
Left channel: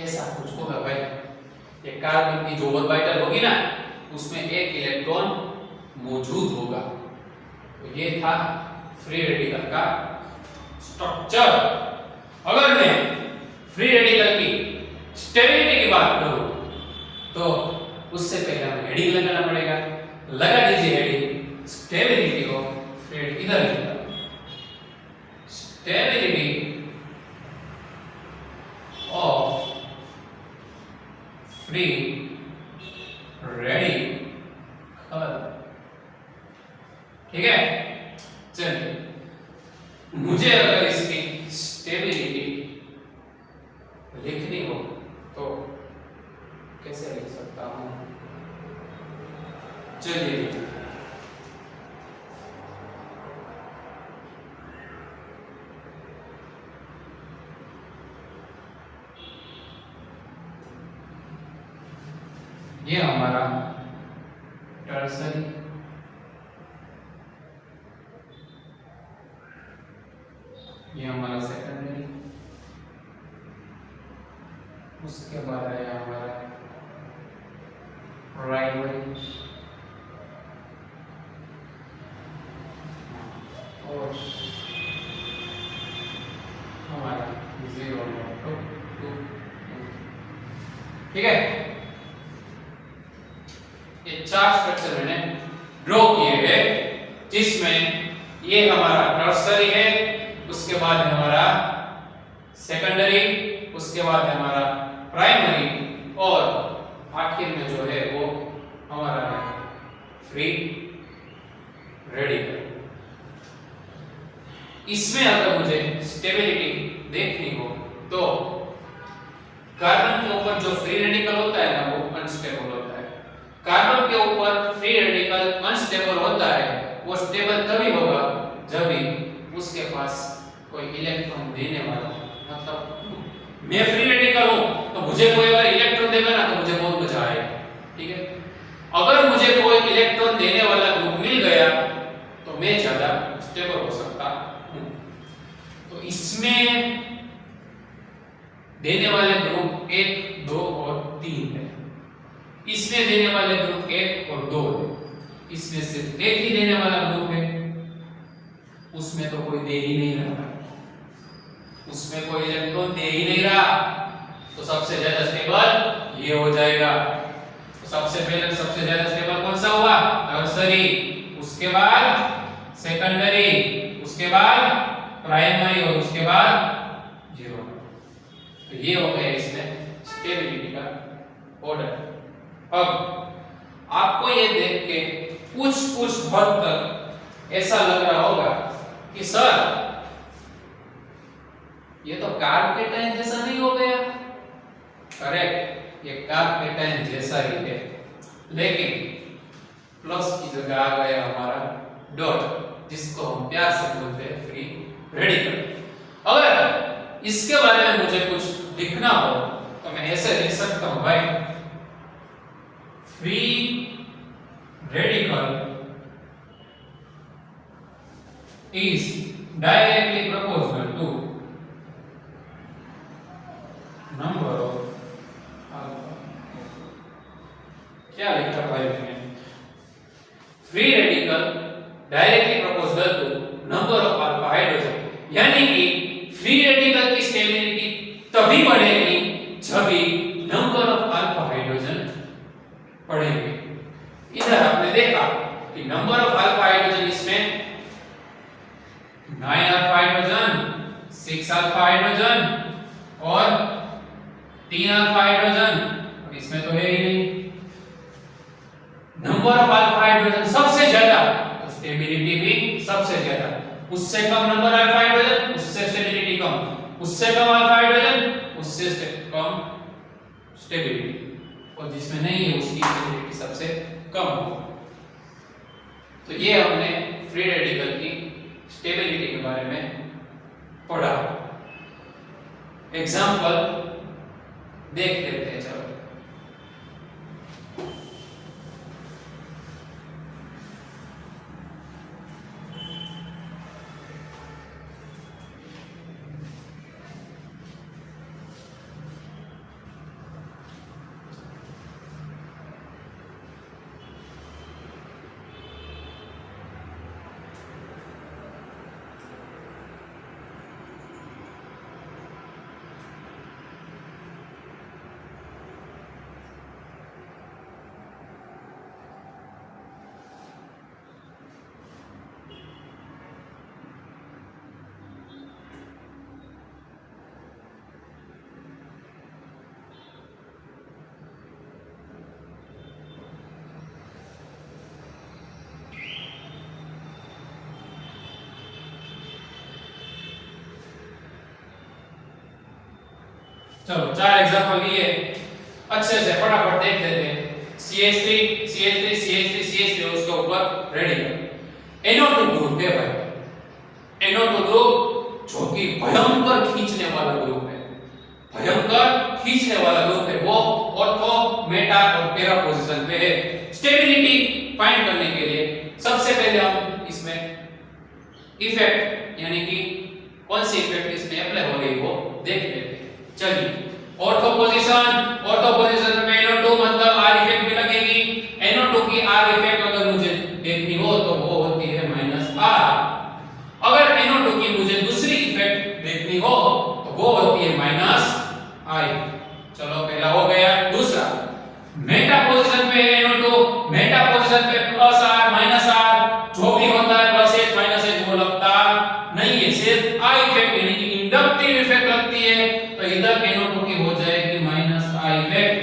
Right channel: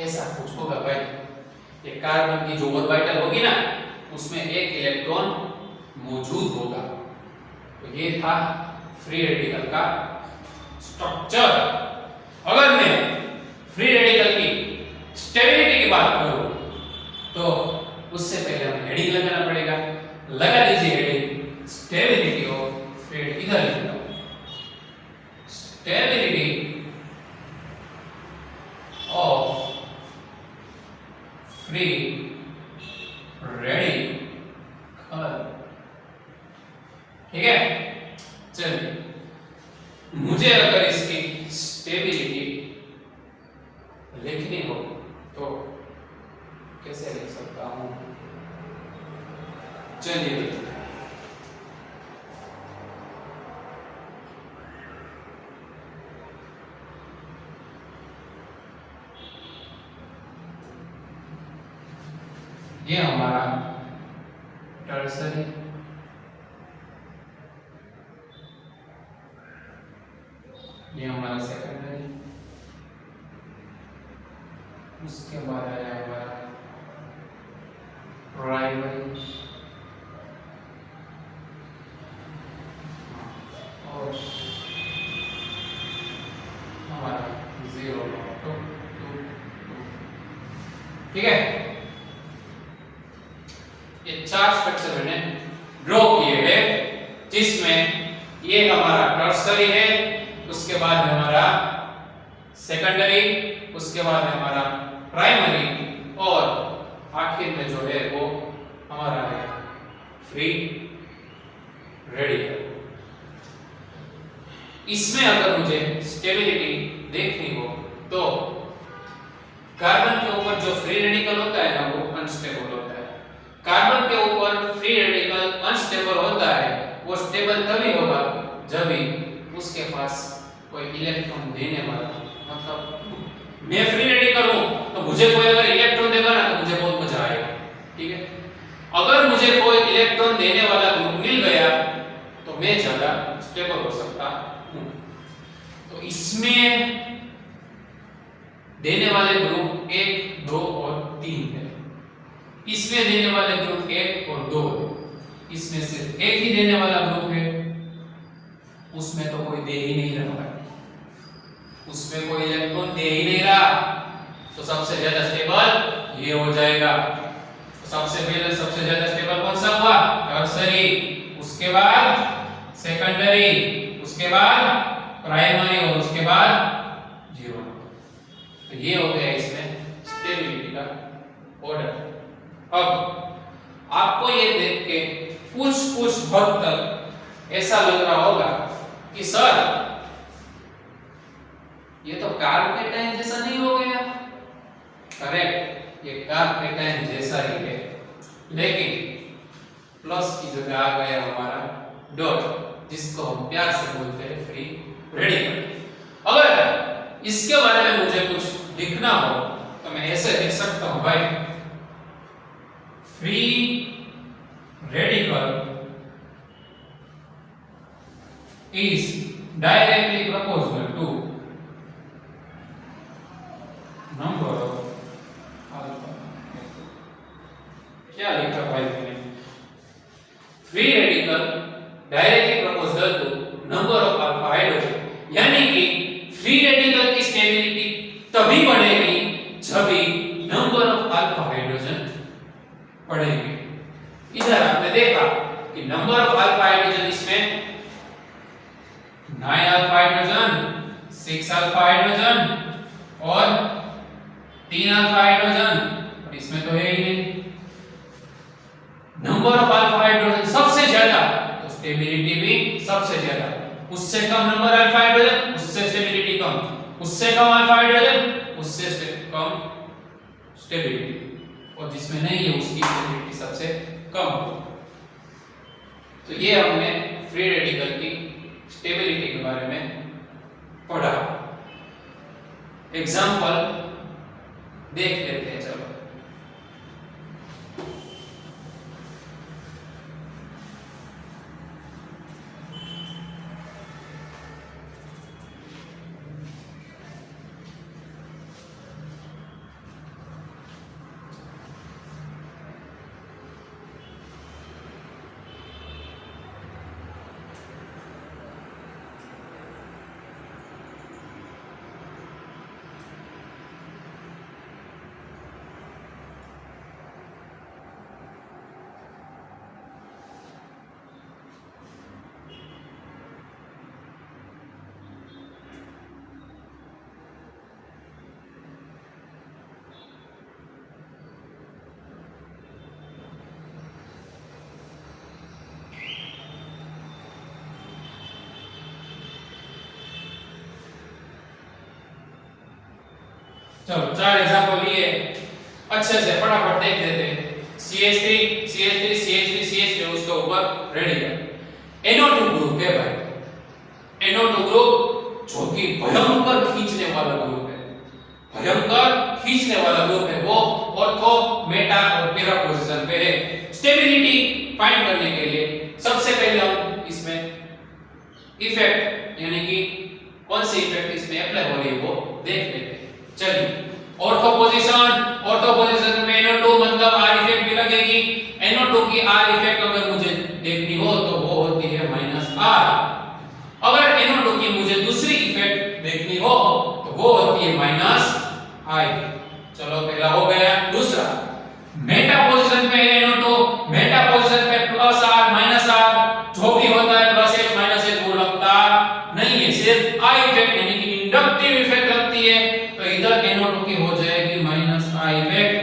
ऐसा कुछ होगा भाई, ये कार्बन की जो ऑर्बिटल होगी ना उसमें एक इलेक्ट्रॉन मौजूद होगा, तो ये था फ्री रेडिकल का स्ट्रक्चर। अगर मैं फ्री रेडिकल की स्टेबिलिटी की बात करूं तो उससे पहले हमें हेडिंग लगाना पड़ेगा। लगा दीजिए हेडिंग स्टेबिलिटी ऑफ फ्री, इधर लिखना स्टेबिलिटी ऑफ फ्री रेडिकल। ठीक है, चलिए मुझे अगर इसकी स्टेबिलिटी लिखनी हो तो कैसे लिख सकता हूं? चलिए ये हमारा टर्सरी, ये हमारा सेकेंडरी, उसके बाद आया हमारा प्राइमरी और हमारा 0 2 2 2। ठीक है, ये चार स्ट्रक्चर मैंने ड्रॉ किए हैं, जिसमें ये हमारा टर्सरी है, उसके बाद है हमारा सेकेंडरी, उसके बाद है हमारा प्राइमरी और आखिर में जो है वो हमारा है फ्री रेडिकल। इसमें अगर मुझे स्टेबिलिटी देखनी हो तो कार्बन के ऊपर जो फ्री रेडिकल होता है ना वो अनस्टेबल होता है। कार्बन के ऊपर फ्री रेडिकल अनस्टेबल होता है, वो स्टेबल तभी होगा जब भी उसके पास कोई इलेक्ट्रॉन देने वाला, मतलब मैं फ्री रेडिकल हूं तो मुझे कोई अगर इलेक्ट्रॉन देगा ना तो मुझे बहुत मजा आएगा। ठीक है, अगर मुझे कोई इलेक्ट्रॉन देने वाला ग्रुप मिल गया तो मैं ज्यादा स्टेबल हो सकता हूं। तो इसमें देने वाले ग्रुप 1 2 और 3 है, इसमें देने वाले ग्रुप 1 और 2 है, इसमें सिर्फ एक ही देने वाला ग्रुप है, उसमें तो कोई दे ही नहीं रहा, उसमें कोई इलेक्ट्रॉन दे ही नहीं रहा, तो सबसे ज्यादा स्टेबल ये हो जाएगा। तो सबसे पहले सबसे ज्यादा स्टेबल कौन सा हुआ? टर्सरी, उसके बाद सेकेंडरी, उसके बाद प्राइमरी और उसके बाद 0। तो ये हो गया इसमें स्टेबिलिटी का ऑर्डर। अब आपको ये देख के कुछ हद तक ऐसा लग रहा होगा कि सर ये तो कार्बोकेटाइन जैसा नहीं हो गया। करेक्ट, ये कार्बोकेटाइन जैसा ही है, लेकिन प्लस की जगह आ गया हमारा डॉट, जिसको हम प्यार से बोलते हैं फ्री रेडिकल। अगर इसके बारे में मुझे कुछ लिखना हो तो मैं ऐसे लिख सकता हूं भाई, free radical is directly proportional to number of alpha। क्या लिखा भाई मैंने? Free radical directly proportional to number of alpha hydrogen, यानी कि फ्री रेडिकल की स्टेबिलिटी तभी बढ़ेगी जब भी नंबर ऑफ अल्फा हाइड्रोजन बढ़ेगी। इधर आपने देखा कि नंबर ऑफ अल्फा हाइड्रोजन इसमें 9 अल्फा हाइड्रोजन 6 अल्फा हाइड्रोजन और 3 अल्फा हाइड्रोजन, और इसमें तो है ही नहीं। नंबर ऑफ अल्फा हाइड्रोजन सबसे ज्यादा तो स्टेबिलिटी भी सबसे ज्यादा। उससे कम नंबर अल्फा हाइड्रोजन उससे स्टेबिलिटी कम, उससे कम अल्फा हाइड्रोजन उससे कम स्टेबिलिटी, और जिसमें नहीं है उसकी स्टेबिलिटी सबसे कम। तो ये हमने फ्री रेडिकल की स्टेबिलिटी के बारे में पढ़ा। एग्जांपल देख लेते हैं, चलो। चलो 4 एग्जांपल लिए, अच्छे से फटाफट देख लेते हैं। CH3 CH3 CH3 CH3 उसके ऊपर रेडिकल NO2 ग्रुप है भाई। NO2 ग्रुप जो कि भयंकर खींचने वाला ग्रुप है, भयंकर खींचने वाला ग्रुप है। वो ऑर्थो मेटा और पैरा पोजीशन पे है। स्टेबिलिटी फाइंड करने के लिए सबसे पहले हम इसमें इफेक्ट यानी कि कौन सी इफेक्ट इसमें अप्लाई हो रही है वो देख लेते हैं। चलिए, ऑर्थो पोजीशन में NO2 मतलब R इफेक्ट भी लगेगी। NO2 की R इफेक्ट अगर मुझे देखनी हो तो वो होती है -R। अगर NO2 की मुझे दूसरी इफेक्ट देखनी हो तो वो होती है -I। चलो पहला हो गया। दूसरा, मेटा पोजीशन पे NO2, मेटा पोजीशन पे +R -R जो भी होता है +H -H वो लगता नहीं है, सिर्फ I इफेक्ट यानी कि इंडक्टिव इफेक्ट लगती है। तो इधर NO2 की हो जाएगी -I इफेक्ट।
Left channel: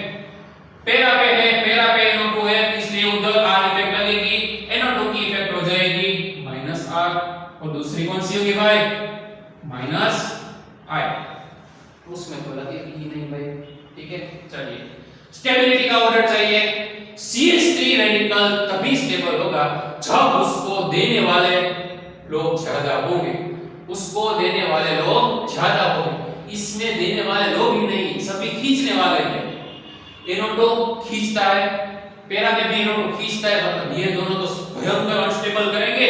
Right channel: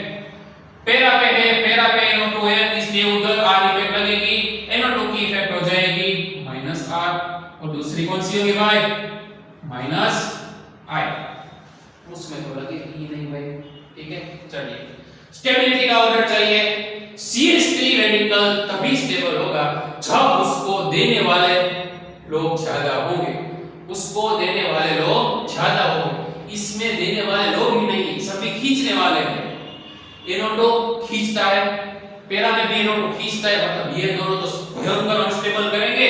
पैरा पे है, पैरा पे NO2 है इसलिए उधर R इफेक्ट लगेगी, NO2 की इफेक्ट हो जाएगी -R। और दूसरी कौन सी होगी भाई? -I। उसमें तो लगेगी ही नहीं भाई, ठीक है। चलिए, स्टेबिलिटी का ऑर्डर चाहिए। CH3 रेडिकल तभी स्टेबल होगा जब उसको देने वाले लोग ज्यादा होंगे, उसको देने वाले लोग ज्यादा होंगे। इसमें देने वाले लोग ही नहीं, सभी खींचने वाले हैं। NO2 खींचता है, पैरा में भी NO2 खींचता है, मतलब ये दोनों तो भयंकर अनस्टेबल करेंगे।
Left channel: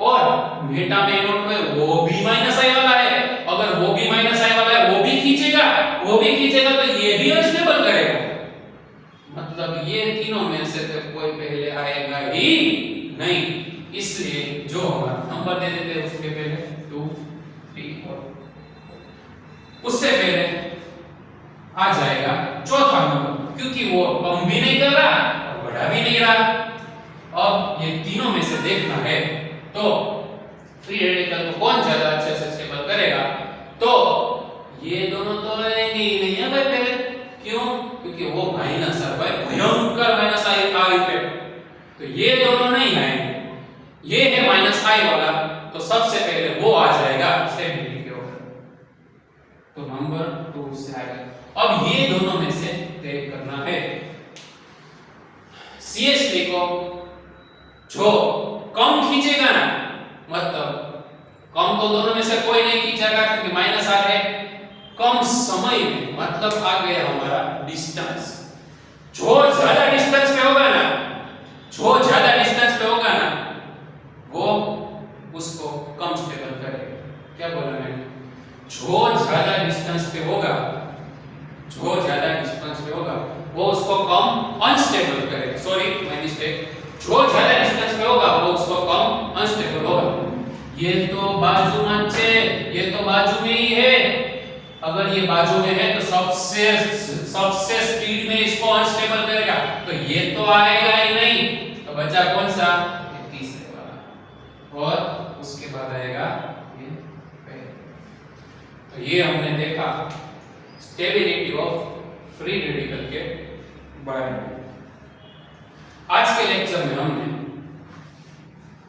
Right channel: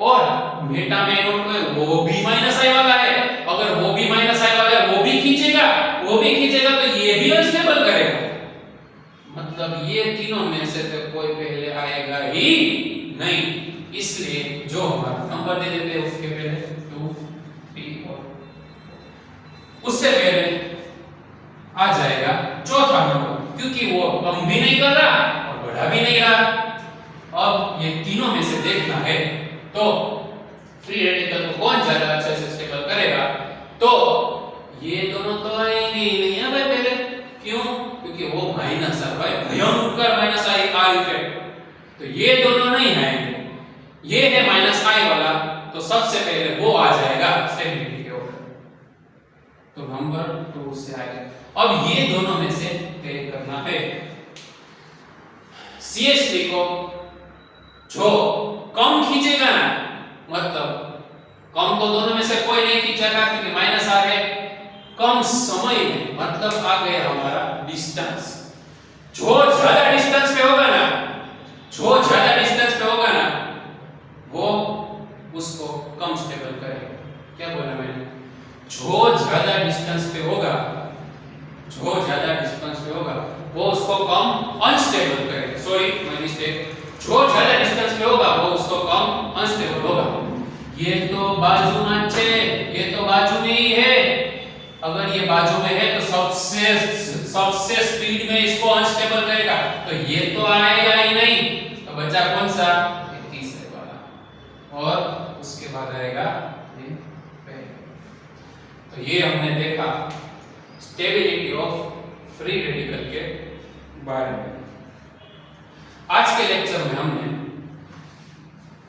और मेटा में NO2 है वो भी -I वाला है, अगर वो भी -I वाला है वो भी खींचेगा तो ये भी अनस्टेबल करेगा। मतलब ये तीनों में से तो कोई पहले आएगा ही नहीं। इसलिए जो हमारा नंबर दे देते हैं उसके पहले 2 3 और उससे पहले आ जाएगा चौथा नंबर, क्योंकि वो कम भी नहीं कर रहा और बढ़ा भी नहीं रहा। अब ये तीनों में से देखना है तो फ्री रेडिकल को कौन ज्यादा अच्छे से स्टेबल करेगा। तो ये दोनों तो आएंगे ही नहीं है भाई पहले। क्यों? क्योंकि वो -R भाई, भयंकर -I इफेक्ट, तो ये दोनों नहीं आएंगे। ये है -I वाला, तो सबसे पहले वो आ जाएगा स्टेबिलिटी के ऑर्डर। तो नंबर 2 से आएगा। अब ये दोनों में से तय करना है। CH3 को जो कम खींचेगा ना, मतलब कम तो दोनों में से कोई नहीं खींचेगा क्योंकि -R है। कम समय में मतलब आ गया हमारा डिस्टेंस। जो ज्यादा डिस्टेंस पे होगा ना, वो उसको कम स्टेबल करेगा। क्या बोला मैंने? जो ज्यादा डिस्टेंस पे होगा वो उसको कम अनस्टेबल करेगा। Sorry my mistake. जो ज्यादा डिस्टेंस पे होगा वो उसको कम अनस्टेबल होगा। ये तो बाजू में है, ये तो बाजू में ही है। अगर ये बाजू में है तो सबसे स्पीड में इसको अनस्टेबल करेगा, तो ये तो आएगा ही नहीं। तो बचा कौन सा? ये तीसरे वाला, और उसके बाद आएगा ये पहला। तो ये हमने देखा स्टेबिलिटी ऑफ फ्री रेडिकल के बारे में। आज के लेक्चर में हमने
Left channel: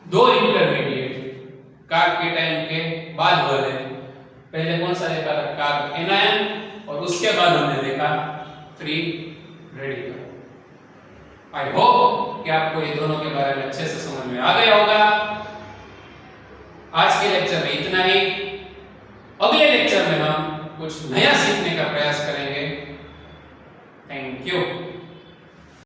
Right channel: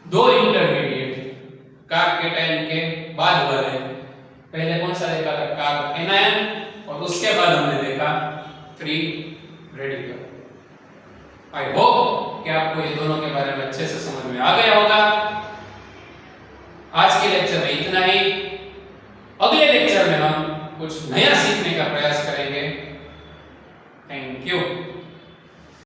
दो इंटरमीडिएट कार्ब केटायन के बाद वाले, पहले कौन सा देखा था, कार्ब एनायन, और उसके बाद हमने देखा फ्री रेडिकल। आई होप कि आपको ये दोनों के बारे में अच्छे से समझ में आ गया होगा। आज के लेक्चर में इतना ही। अगले लेक्चर में हम कुछ नया सीखने का प्रयास करेंगे। Thank you.